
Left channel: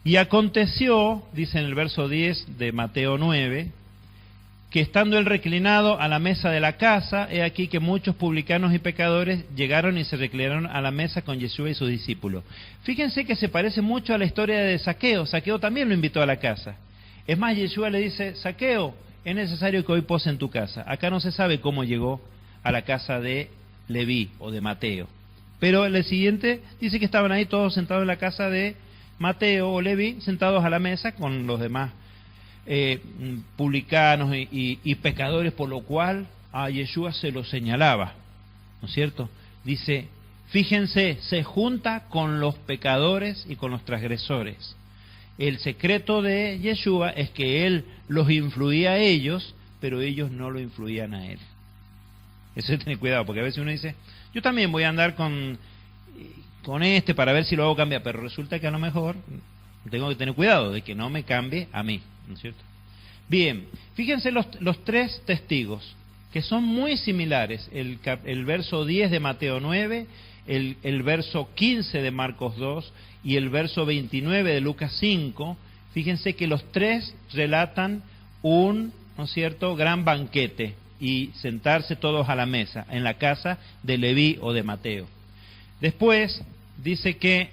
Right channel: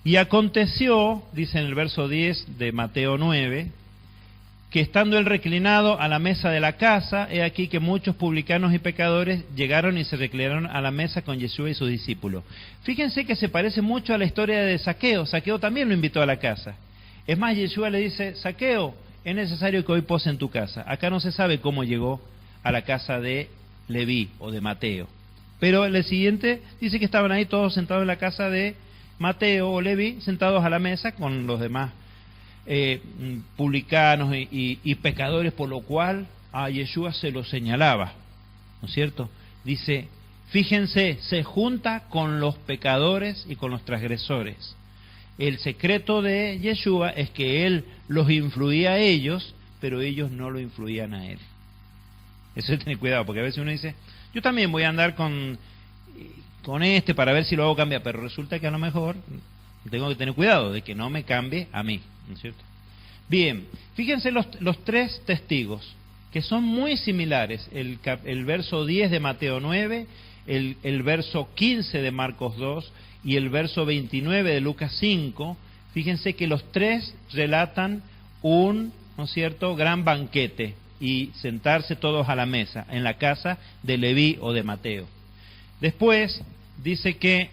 y aconteció, dice en el verso 10 de Mateo 9, que estando él reclinado a la mesa de la casa, he aquí que muchos publicanos y pecadores llegaron y se reclinaron a la mesa con Yeshua y sus discípulos. Fíjense que se parece mucho a la historia de Zaqueo. Zaqueo también lo invitó a la casa. Es más, Yeshua le dice, Zaqueo, es necesario que hoy pose en tu casa. Acá no se sabe cómo llegó a la casa de Leví o de Mateo. Pero el siguiente dice que estaban ahí todos sentados en la casa de Mateo o Leví, sentados a la mesa con los demás publicanos y pecadores, por lo cual a Yeshua se lo señalaba, ¿no es cierto? Dice, fíjense, se junta con los pecadores y con los transgresores. El secreto de Yeshua es que él los influía a ellos, pero ellos no lo influían a él. Eso hay que tener cuidado, porque a veces uno dice, yo también voy a andar con para ver si lo hago cambiar, pero resulta que a lo mejor tengo que tener cuidado de que no me cambie a mí, ¿no es cierto? Bien, fíjense los 3 testigos, que son muy similares, el verso 10 de Mateo 9, el verso 15 de Marcos 2 y el verso 29 de Lucas 5. Fíjense que los 3 relatan un, ¿no es cierto?, gran banquete y sentarse todos a la mesa en la casa de Leví o de Mateo. Después dice que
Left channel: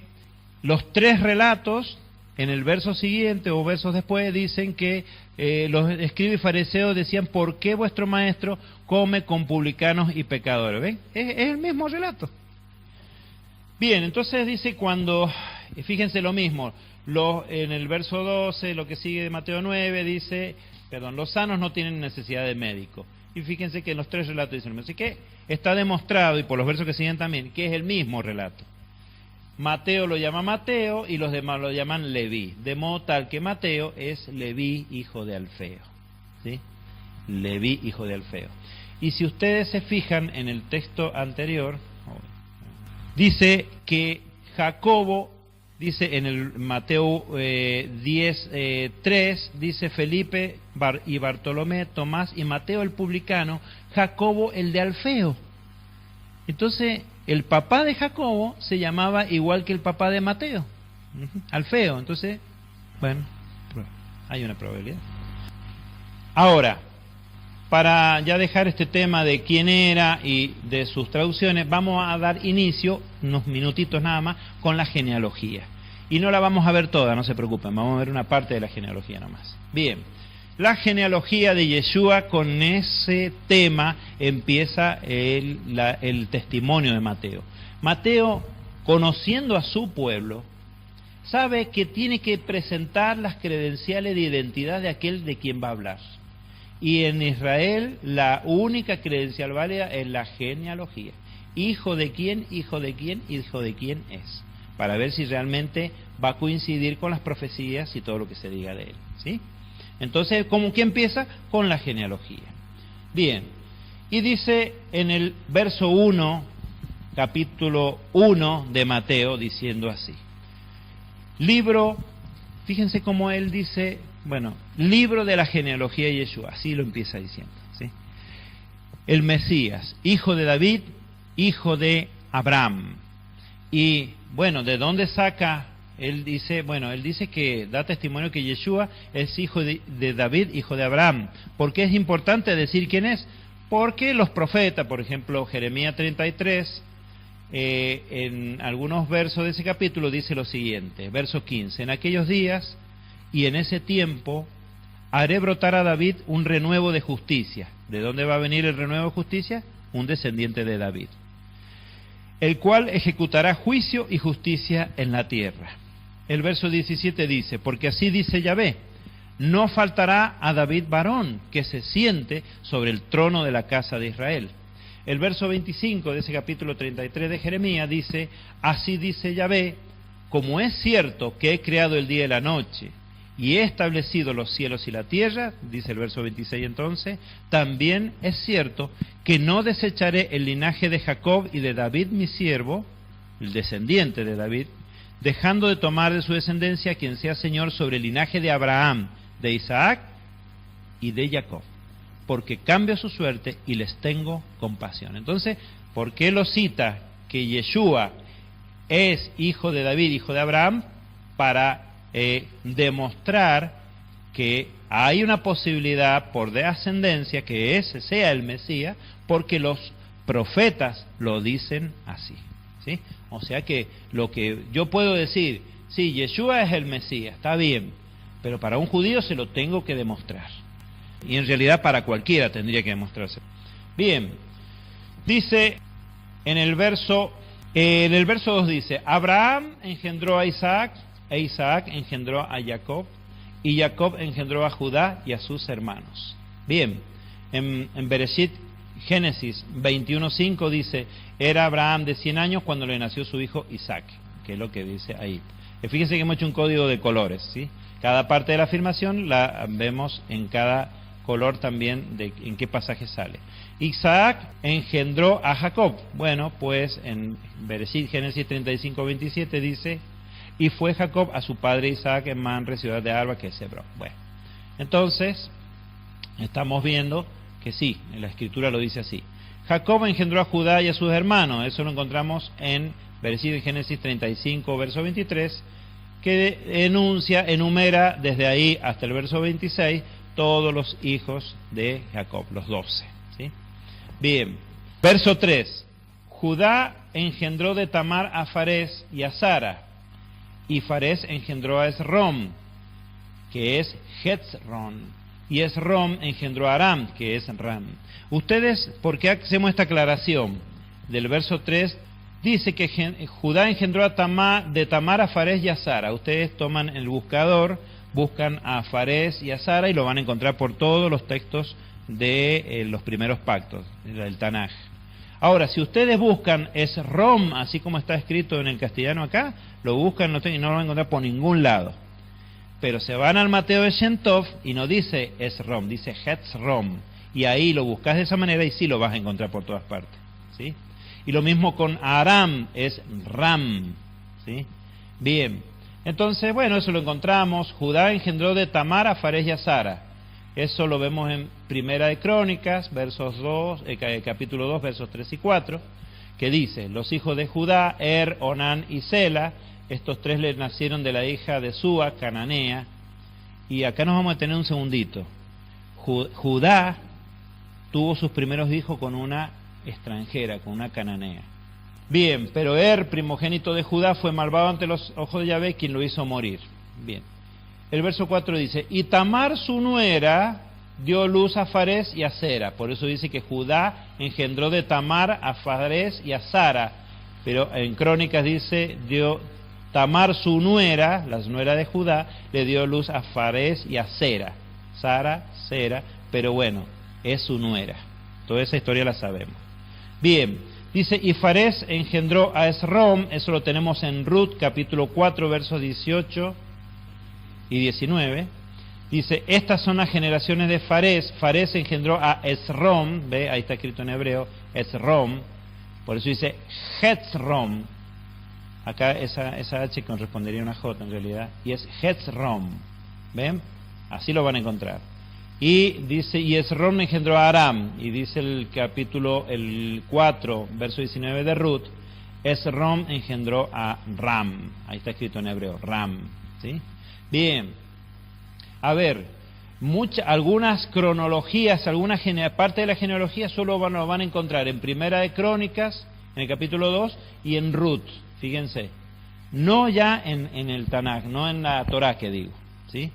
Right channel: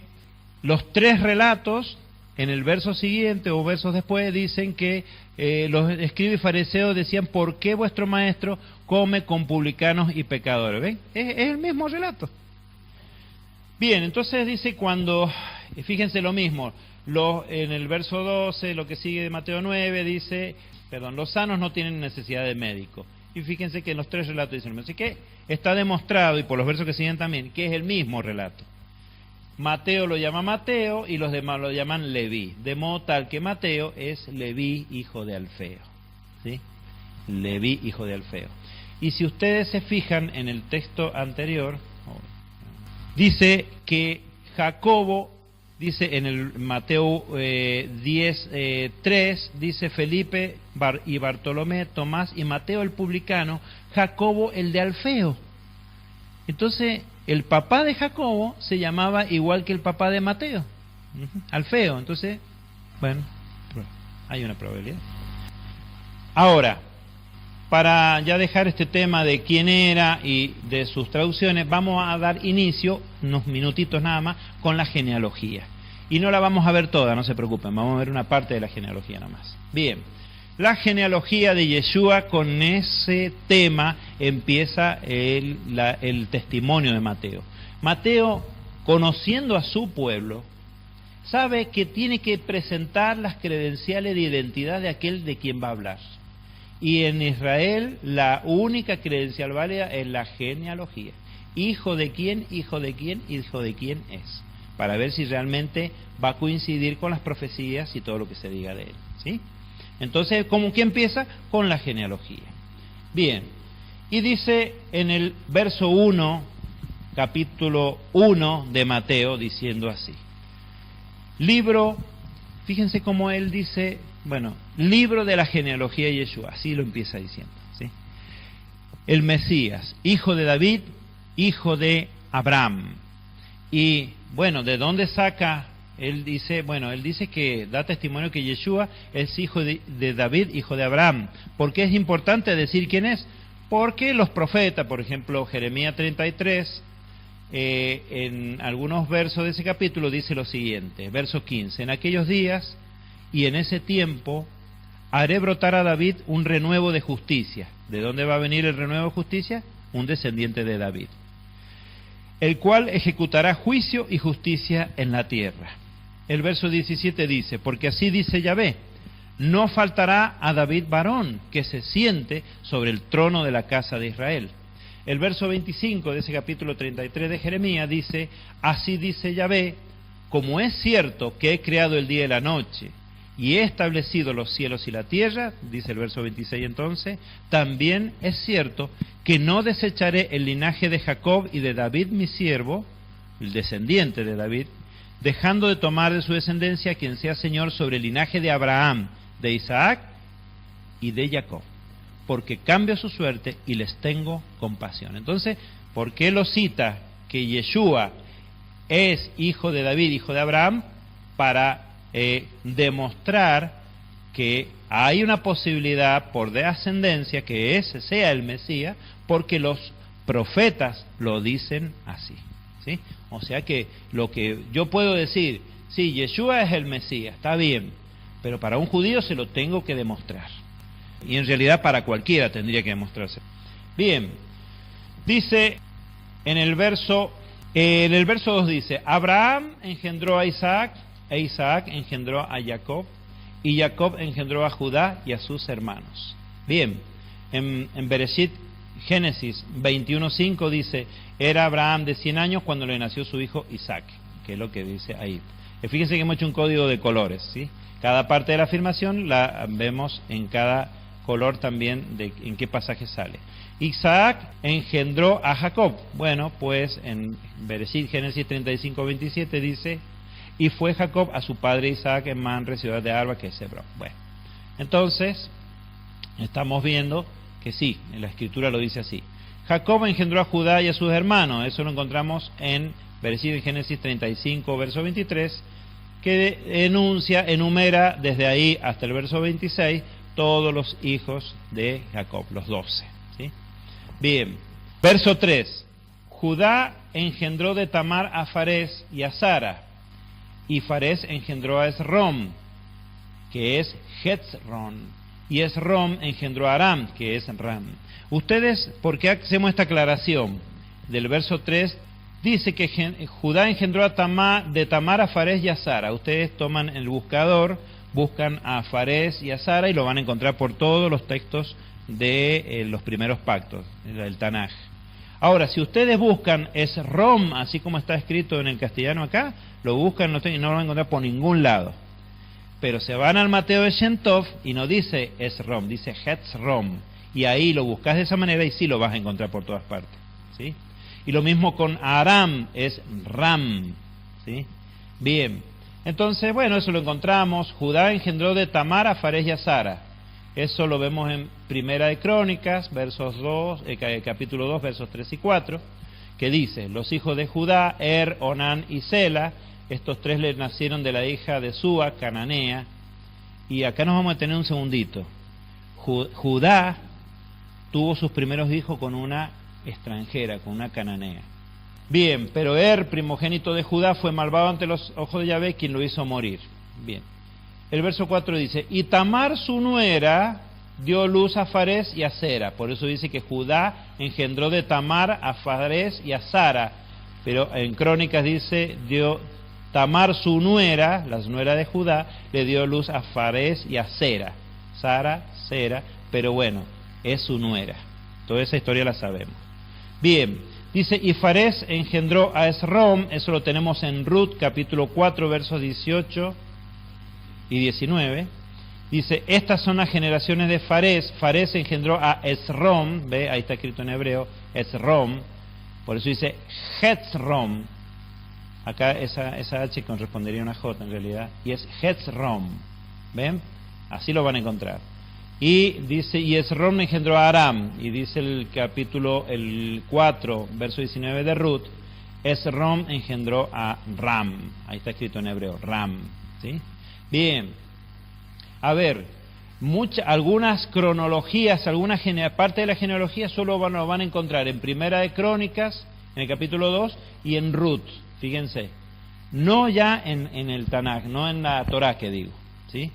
los 3 relatos en el verso siguiente o versos después dicen que los escribas y fariseos decían, ¿por qué vuestro maestro come con publicanos y pecadores? ¿Ven? Es el mismo relato. Bien, entonces dice fíjense lo mismo, en el verso 12, lo que sigue de Mateo 9, dice, los sanos no tienen necesidad de médico. Y fíjense que en los 3 relatos dicen, así que está demostrado, y por los versos que siguen también, que es el mismo relato. Mateo lo llama Mateo y los demás lo llaman Leví, de modo tal que Mateo es Leví, hijo de Alfeo, ¿sí? Leví, hijo de Alfeo. Y si ustedes se fijan en el texto anterior, dice que Jacobo, dice en el Mateo 10:3, dice Felipe y Bartolomé, Tomás y Mateo el publicano, Jacobo el de Alfeo. Entonces, el papá de Jacobo se llamaba igual que el papá de Mateo, Alfeo. Entonces, bueno, hay una probabilidad. Ahora, para ya dejar este tema de quién era y de sus traducciones, vamos a dar inicio, unos minutitos nada más, con la genealogía. Y no la vamos a ver toda, no se preocupen, vamos a ver una parte de la genealogía nada más. Bien, la genealogía de Yeshua, con ese tema empieza el testimonio de Mateo. Mateo, conociendo a su pueblo, sabe que tiene que presentar las credenciales de identidad de aquel de quien va a hablar. Y en Israel la única credencial válida es la genealogía. Hijo de quién, hijo de quién, hijo de quién es. Para ver si realmente va a coincidir con las profecías y todo lo que se diga de él, ¿sí? Entonces, ¿cómo que empieza? Con la genealogía. Bien, y dice en el verso 1, capítulo 1 de Mateo, diciendo así. Libro, fíjense cómo él dice, bueno, libro de la genealogía de Yeshua, así lo empieza diciendo, ¿sí? El Mesías, hijo de David, hijo de Abraham. Y bueno, ¿de dónde saca? Él dice que da testimonio que Yeshua es hijo de David, hijo de Abraham. ¿Por qué es importante decir quién es? Porque los profetas, por ejemplo, Jeremías 33, en algunos versos de ese capítulo dice lo siguiente, verso 15, en aquellos días y en ese tiempo haré brotar a David un renuevo de justicia. ¿De dónde va a venir el renuevo de justicia? Un descendiente de David, el cual ejecutará juicio y justicia en la tierra. El verso 17 dice, porque así dice Yahvé, no faltará a David varón que se siente sobre el trono de la casa de Israel. El verso 25 de ese capítulo 33 de Jeremías dice, así dice Yahvé, como es cierto que he creado el día y la noche, y he establecido los cielos y la tierra, dice el verso 26 entonces, también es cierto que no desecharé el linaje de Jacob y de David mi siervo, el descendiente de David, dejando de tomar de su descendencia quien sea Señor sobre el linaje de Abraham, de Isaac y de Jacob, porque cambio su suerte y les tengo compasión. Entonces, ¿por qué lo cita que Yeshua es hijo de David, hijo de Abraham? Para demostrar que hay una posibilidad por descendencia que ese sea el Mesías, porque los profetas lo dicen así, ¿sí? O sea que lo que yo puedo decir, sí, Yeshua es el Mesías, está bien, pero para un judío se lo tengo que demostrar. Y en realidad para cualquiera tendría que demostrarse. Bien, dice en el verso 2 dice, Abraham engendró a Isaac, e Isaac engendró a Jacob, y Jacob engendró a Judá y a sus hermanos. Bien, en Bereshit, Génesis 21:5 dice, era Abraham de 100 años cuando le nació su hijo Isaac, que es lo que dice ahí. Fíjense que hemos hecho un código de colores, ¿sí? Cada parte de la afirmación la vemos en cada color también de en qué pasaje sale. Isaac engendró a Jacob. Bueno, pues en Bereshit, Génesis 35:27 dice, y fue Jacob a su padre Isaac en Manre, ciudad de Arba, que es Hebrón. Bueno, entonces estamos viendo que sí, en la escritura lo dice así. Jacob engendró a Judá y a sus hermanos. Eso lo encontramos en Bereshit, Génesis 35, verso 23, que enumera desde ahí hasta el verso 26 todos los hijos de Jacob, los 12, ¿sí? Bien, verso 3. Judá engendró de Tamar a Farés y a Sara, y Farés engendró a Esrom, que es Hetzron, y Esrom engendró a Aram, que es Ram. Ustedes, ¿por qué hacemos esta aclaración? Del verso 3 dice que Judá engendró de Tamar a Farés y a Sara. Ustedes toman el buscador, buscan a Farés y a Sara y lo van a encontrar por todos los textos de los primeros pactos, el Tanaj. Ahora, si ustedes buscan Esrom, así como está escrito en el castellano acá, lo buscan y no lo van a encontrar por ningún lado. Pero se van al Mateo de Shem Tov y no dice Esrom, dice Hetzrom. Y ahí lo buscas de esa manera y sí lo vas a encontrar por todas partes, ¿sí? Y lo mismo con Aram, es Ram, ¿sí? Bien, entonces, bueno, eso lo encontramos. Judá engendró de Tamar a Fares y a Sara. Eso lo vemos en Primera de Crónicas, capítulo 2, versos 3 y 4, que dice: los hijos de Judá, Onán y Sela, estos tres le nacieron de la hija de Súa, cananea. Y acá nos vamos a tener un segundito. Judá tuvo sus primeros hijos con una extranjera, con una cananea. Bien, pero primogénito de Judá, fue malvado ante los ojos de Yahvé, quien lo hizo morir. Bien. El verso 4 dice: y Tamar su nuera dio luz a Fares y a Sera. Por eso dice que Judá engendró de Tamar a Fares y a Sara. Pero en Crónicas dice: Tamar su nuera, la nuera de Judá, le dio luz a Fares y a Sera. Sara, Sera, pero bueno, es su nuera. Toda esa historia la sabemos. Bien, dice: y Fares engendró a Esrom. Eso lo tenemos en Ruth, capítulo 4, versos 18 y 19. Dice: estas son las generaciones de Fares. Fares engendró a Esrom. ¿Ve? Ahí está escrito en hebreo, Esrom. Por eso dice Hetzrom. Acá esa H correspondería a una J en realidad. Y es Hetzrom. ¿Ven? Así lo van a encontrar. Y dice: y Esrom engendró a Aram. Y dice el capítulo 4, verso 19 de Ruth: Esrom engendró a Ram. Ahí está escrito en hebreo, Ram. ¿Sí? Bien, a ver, algunas cronologías, parte de la genealogía solo lo van a encontrar en Primera de Crónicas, en el capítulo 2, y en Ruth, fíjense, no ya en el Tanaj, no en la Torah que digo, ¿sí?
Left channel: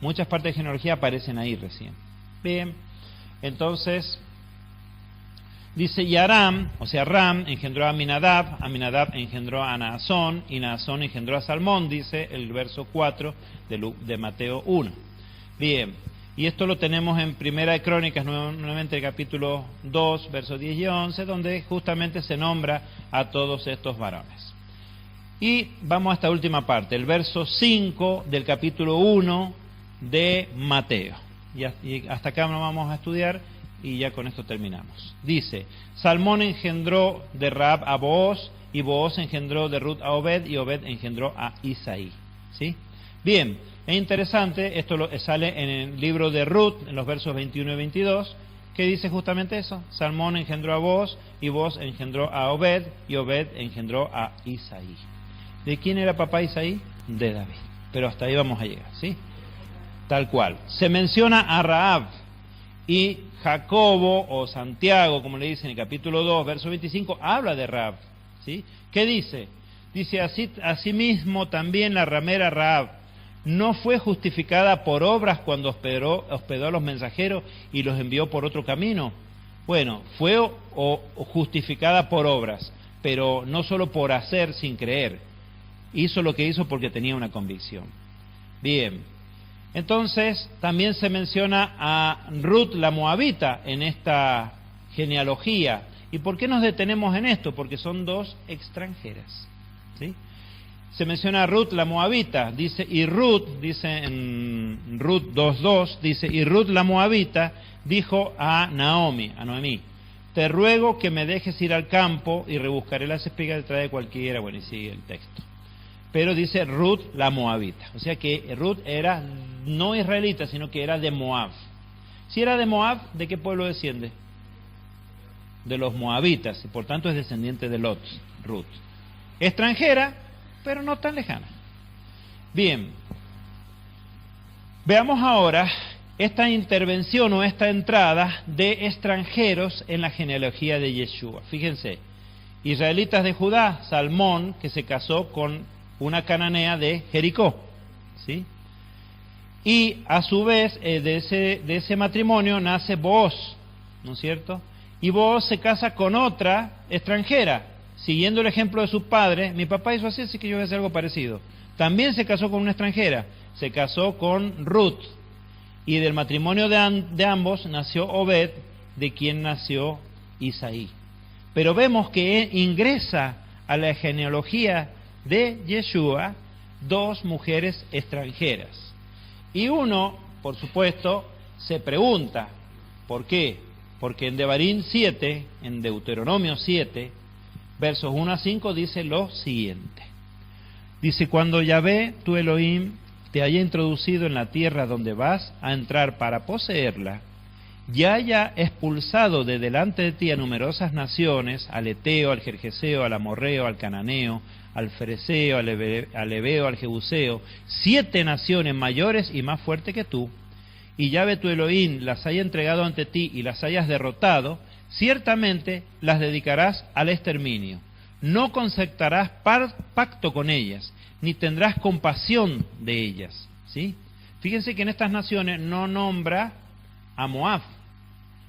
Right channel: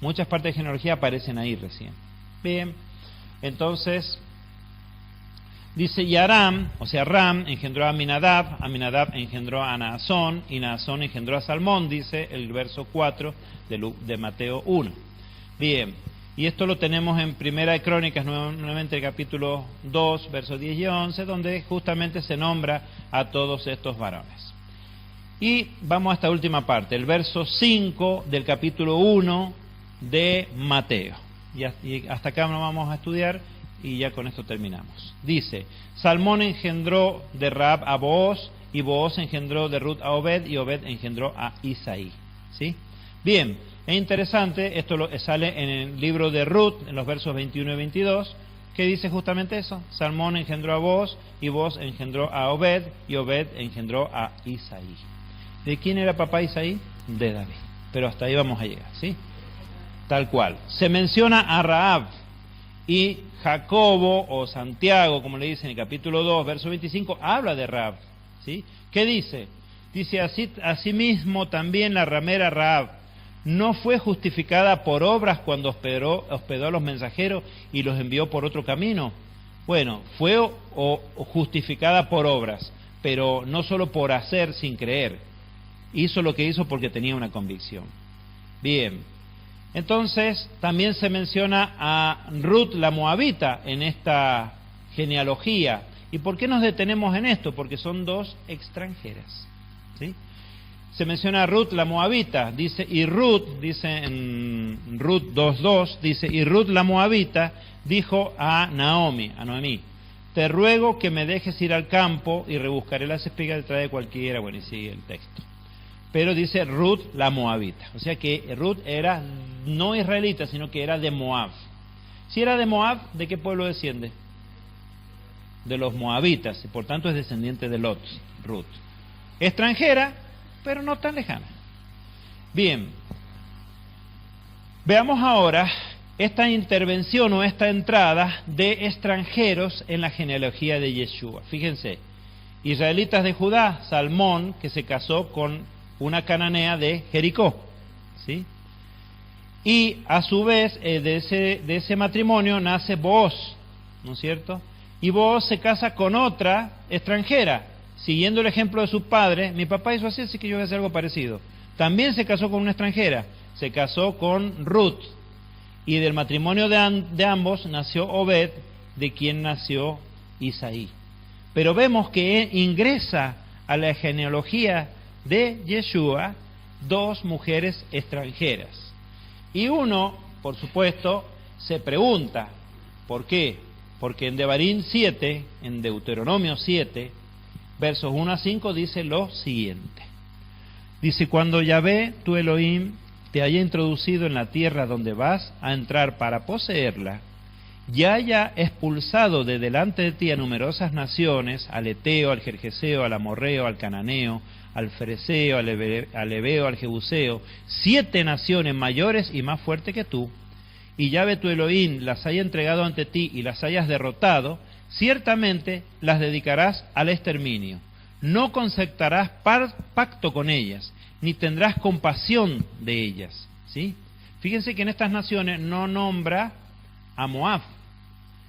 Muchas partes de genealogía aparecen ahí recién. Bien, entonces, dice: y Aram, o sea, Ram engendró a Aminadab engendró a Naasón, y Naasón engendró a Salmón, dice el verso 4 de Mateo 1. Bien, y esto lo tenemos en Primera de Crónicas, nuevamente el capítulo 2, versos 10 y 11, donde justamente se nombra a todos estos varones. Y vamos a esta última parte, el verso 5 del capítulo 1 de Mateo. Y hasta acá no vamos a estudiar, y ya con esto terminamos. Dice: Salmón engendró de Rahab a Booz, y Booz engendró de Ruth a Obed, y Obed engendró a Isaí. ¿Sí? Bien, es interesante, esto sale en el libro de Ruth, en los versos 21 y 22, que dice justamente eso: Salmón engendró a Booz, y Booz engendró a Obed, y Obed engendró a Isaí. ¿De quién era papá Isaí? De David. Pero hasta ahí vamos a llegar, ¿sí? Tal cual. Se menciona a Rahab, y Jacobo, o Santiago, como le dice en el capítulo 2, verso 25, habla de Rahab, ¿sí? ¿Qué dice? Dice: asimismo también la ramera Rahab no fue justificada por obras cuando hospedó a los mensajeros y los envió por otro camino. Bueno, fue justificada por obras, pero no solo por hacer sin creer. Hizo lo que hizo porque tenía una convicción. Bien. Entonces, también se menciona a Ruth la Moabita en esta genealogía. ¿Y por qué nos detenemos en esto? Porque son dos extranjeras, ¿sí? Se menciona a Ruth la Moabita, dice en Ruth 2.2, dice: y Ruth la Moabita dijo a Noemí: te ruego que me dejes ir al campo y rebuscaré las espigas detrás de cualquiera. Bueno, y sigue el texto. Pero dice Ruth la Moabita, o sea que Ruth era no israelita, sino que era de Moab. Si era de Moab, ¿de qué pueblo desciende? De los moabitas, y por tanto es descendiente de Lot, Ruth. Extranjera, pero no tan lejana. Bien, veamos ahora esta intervención o esta entrada de extranjeros en la genealogía de Yeshua. Fíjense, israelitas de Judá, Salmón, que se casó con una cananea de Jericó, ¿sí? Y a su vez de ese matrimonio nace Booz, ¿no es cierto? Y Booz se casa con otra extranjera, siguiendo el ejemplo de su padre. Mi papá hizo así que yo voy a hacer algo parecido. También se casó con una extranjera, se casó con Ruth, y del matrimonio de ambos nació Obed, de quien nació Isaí. Pero vemos que ingresa a la genealogía de Yeshua 2 mujeres extranjeras. Y uno, por supuesto, se pregunta, ¿por qué? Porque en Devarim 7, en Deuteronomio 7, versos 1 a 5, dice lo siguiente. Dice, cuando Yahvé, tu Elohim, te haya introducido en la tierra donde vas a entrar para poseerla, y haya expulsado de delante de ti a numerosas naciones, al Eteo, al Gergeseo, al Amorreo, al Cananeo, al Fereceo, al Ebeo, al Jebuseo, 7 naciones mayores y más fuertes que tú, y Yahvé tu Elohim las haya entregado ante ti y las hayas derrotado, ciertamente las dedicarás al exterminio. No concertarás pacto con ellas, ni tendrás compasión de ellas. ¿Sí? Fíjense que en estas naciones no nombra a Moab,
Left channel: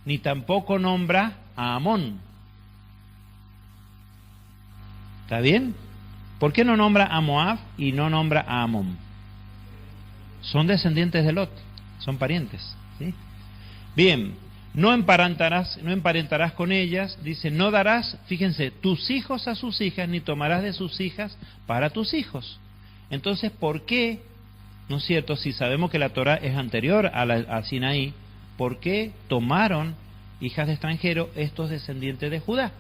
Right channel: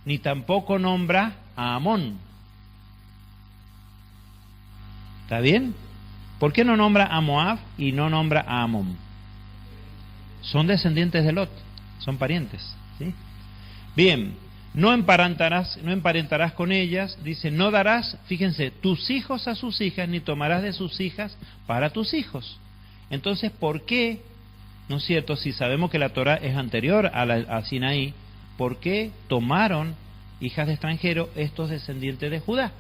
ni tampoco nombra a Amón. ¿Está bien? ¿Por qué no nombra a Moab y no nombra a Amón? Son descendientes de Lot, son parientes. ¿Sí? Bien, no emparentarás con ellas, dice, no darás, fíjense, tus hijos a sus hijas, ni tomarás de sus hijas para tus hijos. Entonces, ¿por qué, no es cierto, si sabemos que la Torah es anterior a Sinaí, ¿por qué tomaron hijas de extranjeros estos descendientes de Judá?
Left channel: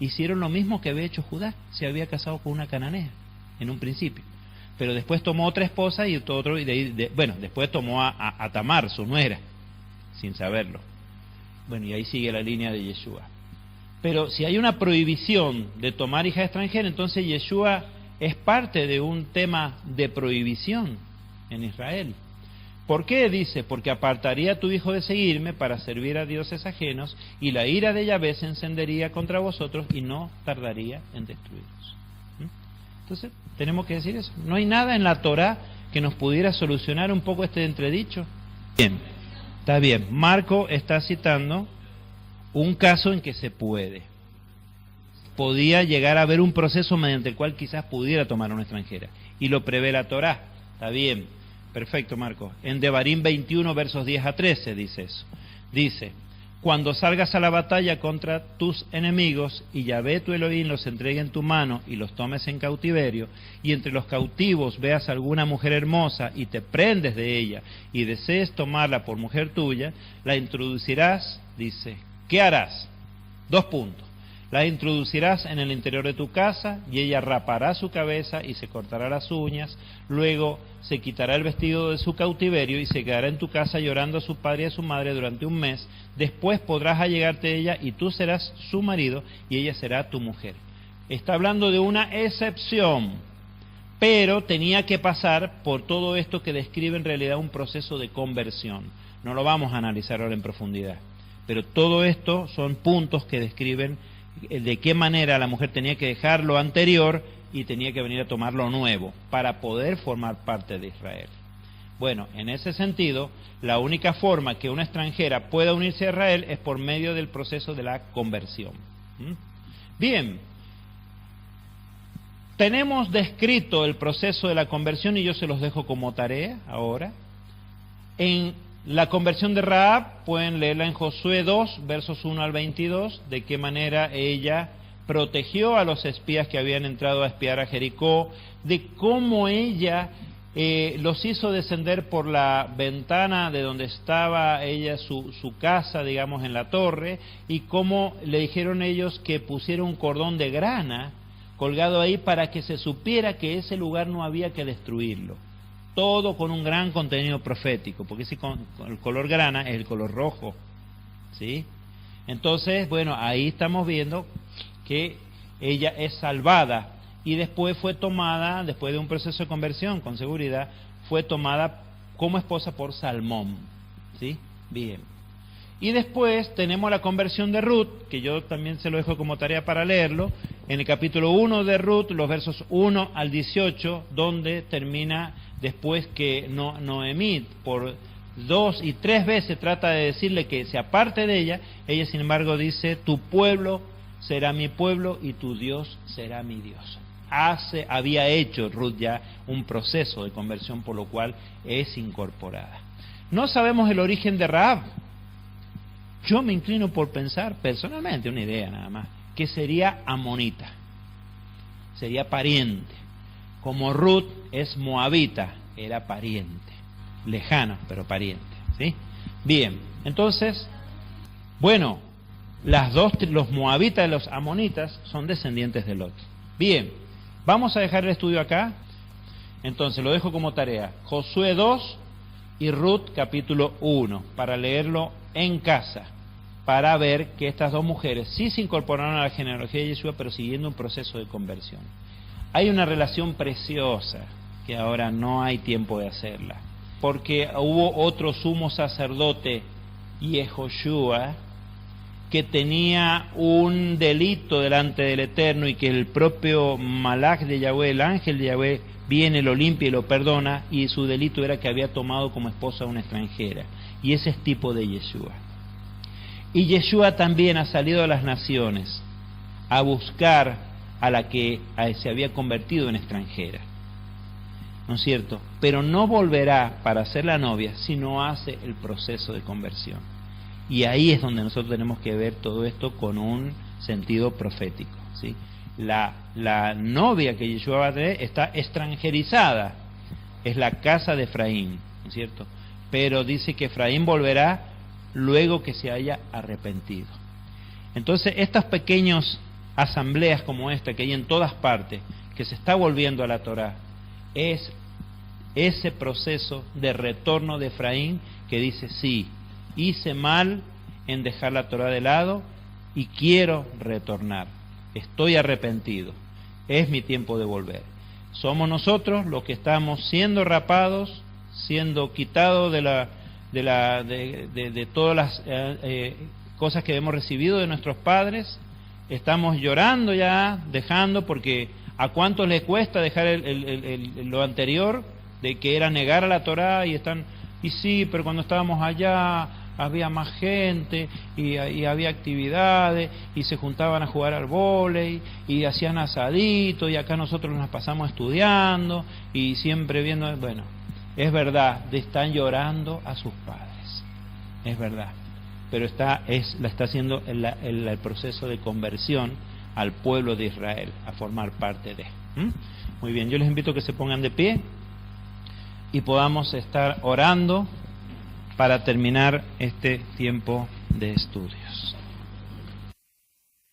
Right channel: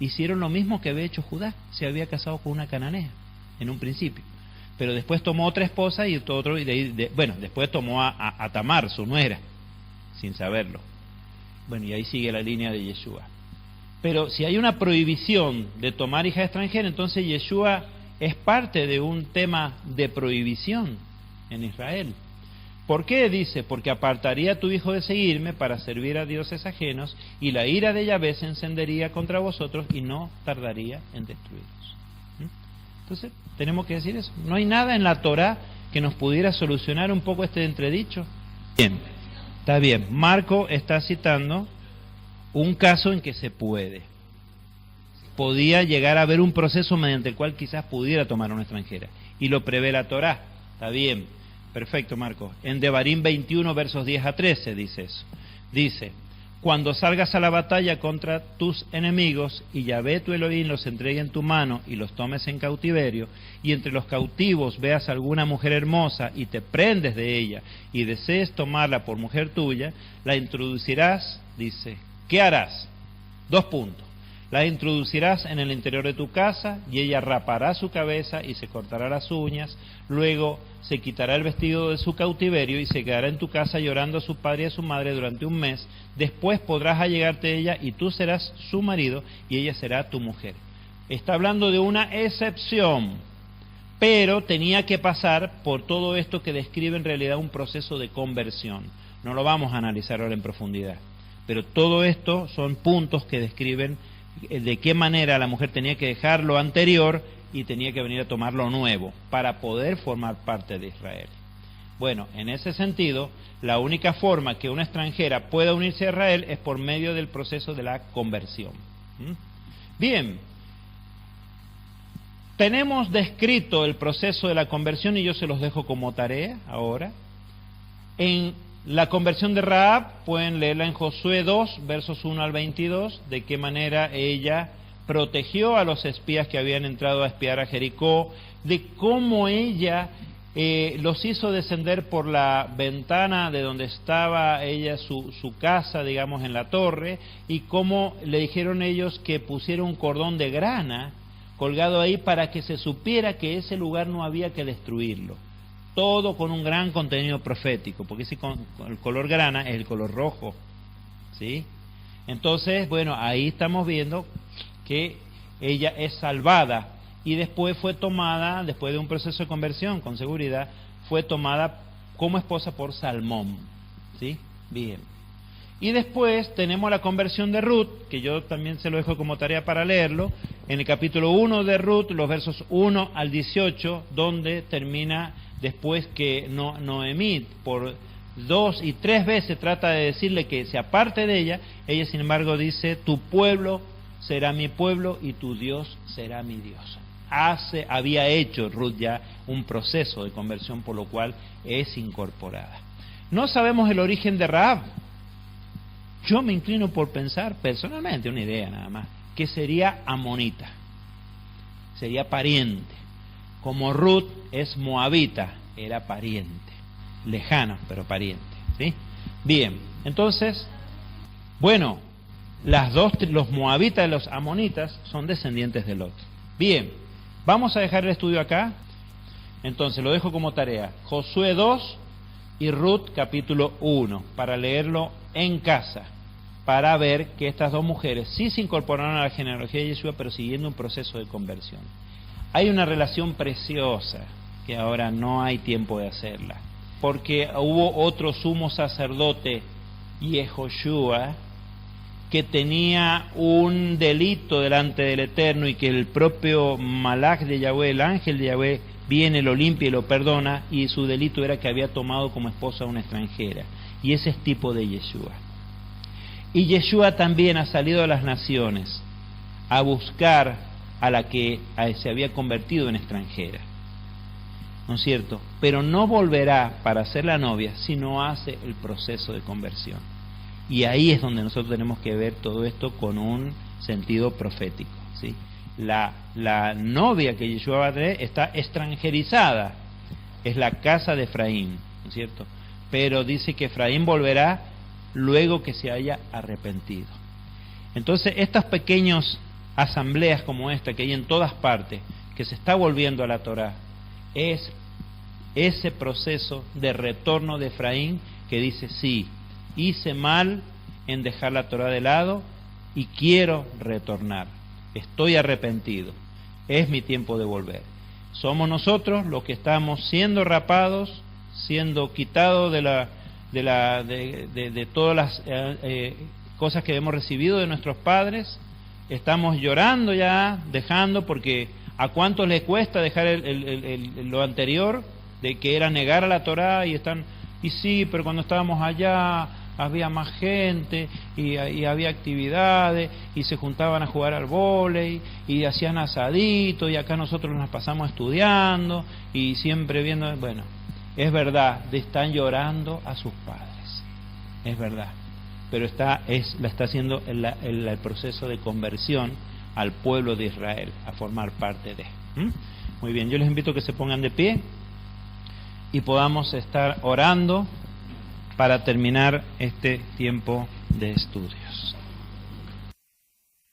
Hicieron lo mismo que había hecho Judá, se había casado con una cananea en un principio, pero después tomó otra esposa y otro, después tomó a Tamar, su nuera, sin saberlo. Bueno, y ahí sigue la línea de Yeshua. Pero si hay una prohibición de tomar hija extranjera, entonces Yeshua es parte de un tema de prohibición en Israel. ¿Por qué? Dice, porque apartaría a tu hijo de seguirme para servir a dioses ajenos, y la ira de Yahvé se encendería contra vosotros y no tardaría en destruiros. Entonces, tenemos que decir eso. No hay nada en la Torah que nos pudiera solucionar un poco este entredicho. Bien, está bien. Marco está citando un caso en que se puede. Podía llegar a haber un proceso mediante el cual quizás pudiera tomar una extranjera. Y lo prevé la Torah. Está bien. Perfecto, Marcos. En Devarim 21, versos 10 a 13 dice eso. Dice, cuando salgas a la batalla contra tus enemigos y Yahvé tu Elohim los entregue en tu mano y los tomes en cautiverio, y entre los cautivos veas alguna mujer hermosa y te prendes de ella y desees tomarla por mujer tuya, la introducirás, dice, ¿qué harás? 2 puntos. La introducirás en el interior de tu casa y ella rapará su cabeza y se cortará las uñas, luego se quitará el vestido de su cautiverio y se quedará en tu casa llorando a su padre y a su madre durante un mes, después podrás allegarte a ella y tú serás su marido y ella será tu mujer. Está hablando de una excepción, pero tenía que pasar por todo esto que describe en realidad un proceso de conversión. No lo vamos a analizar ahora en profundidad, pero todo esto son puntos que describen de qué manera la mujer tenía que dejar lo anterior y tenía que venir a tomar lo nuevo para poder formar parte de Israel. Bueno, en ese sentido, la única forma que una extranjera pueda unirse a Israel es por medio del proceso de la conversión. Bien, tenemos descrito el proceso de la conversión y yo se los dejo como tarea ahora. En la conversión de Rahab, pueden leerla en Josué 2, versos 1 al 22, de qué manera ella protegió a los espías que habían entrado a espiar a Jericó, de cómo ella los hizo descender por la ventana de donde estaba ella, su casa, digamos, en la torre, y cómo le dijeron ellos que pusiera un cordón de grana colgado ahí para que se supiera que ese lugar no había que destruirlo. Todo con un gran contenido profético, porque el color grana es el color rojo, ¿sí? Entonces, bueno, ahí estamos viendo que ella es salvada y después fue tomada, después de un proceso de conversión, con seguridad, fue tomada como esposa por Salmón, ¿sí? Bien. Y después tenemos la conversión de Ruth, que yo también se lo dejo como tarea para leerlo, en el capítulo 1 de Ruth, los versos 1 al 18, donde termina después que Noemí por 2 y 3 veces trata de decirle que se aparte de ella, ella sin embargo dice, tu pueblo será mi pueblo y tu Dios será mi Dios. Había hecho Ruth ya un proceso de conversión por lo cual es incorporada. No sabemos el origen de Rahab. Yo me inclino por pensar, personalmente, una idea nada más, que sería amonita, sería pariente. Como Ruth es moabita, era pariente, lejano, pero pariente, ¿sí? Bien, entonces, bueno, los moabitas y los amonitas son descendientes de Lot. Bien, vamos a dejar el estudio acá. Entonces lo dejo como tarea, Josué 2 y Ruth capítulo 1, para leerlo en casa, para ver que estas dos mujeres sí se incorporaron a la genealogía de Yeshua, pero siguiendo un proceso de conversión. Hay una relación preciosa, que ahora no hay tiempo de hacerla, porque hubo otro sumo sacerdote, Yehoshua, que tenía un delito delante del Eterno, y que el propio Malach de Yahweh, el ángel de Yahweh, viene, lo limpia y lo perdona, y su delito era que había tomado como esposa a una extranjera, y ese es tipo de Yeshua. Y Yeshua también ha salido a las naciones a buscar a la que se había convertido en extranjera, ¿no es cierto? Pero no volverá para ser la novia si no hace el proceso de conversión. Y ahí es donde nosotros tenemos que ver todo esto con un sentido profético, ¿sí? La novia que Yeshua va a tener está extranjerizada, es la casa de Efraín, ¿no es cierto? Pero dice que Efraín volverá luego que se haya arrepentido. Entonces, estas pequeñas asambleas como esta que hay en todas partes, que se está volviendo a la Torá, es ese proceso de retorno de Efraín que dice, sí, hice mal en dejar la Torá de lado y quiero retornar. Estoy arrepentido, es mi tiempo de volver. Somos nosotros los que estamos siendo rapados, siendo quitados de todas las cosas que hemos recibido de nuestros padres. Estamos llorando ya, dejando, porque ¿a cuántos les cuesta dejar lo anterior, de que era negar a la Torá? Y sí, pero cuando estábamos allá había más gente y había actividades y se juntaban a jugar al vóley y hacían asadito, y acá nosotros nos pasamos estudiando y siempre viendo. Bueno, es verdad, están llorando a sus padres, es verdad, pero la está haciendo el proceso de conversión al pueblo de Israel, a formar parte de. Muy bien, yo les invito a que se pongan de pie y podamos estar orando para terminar este tiempo de estudios.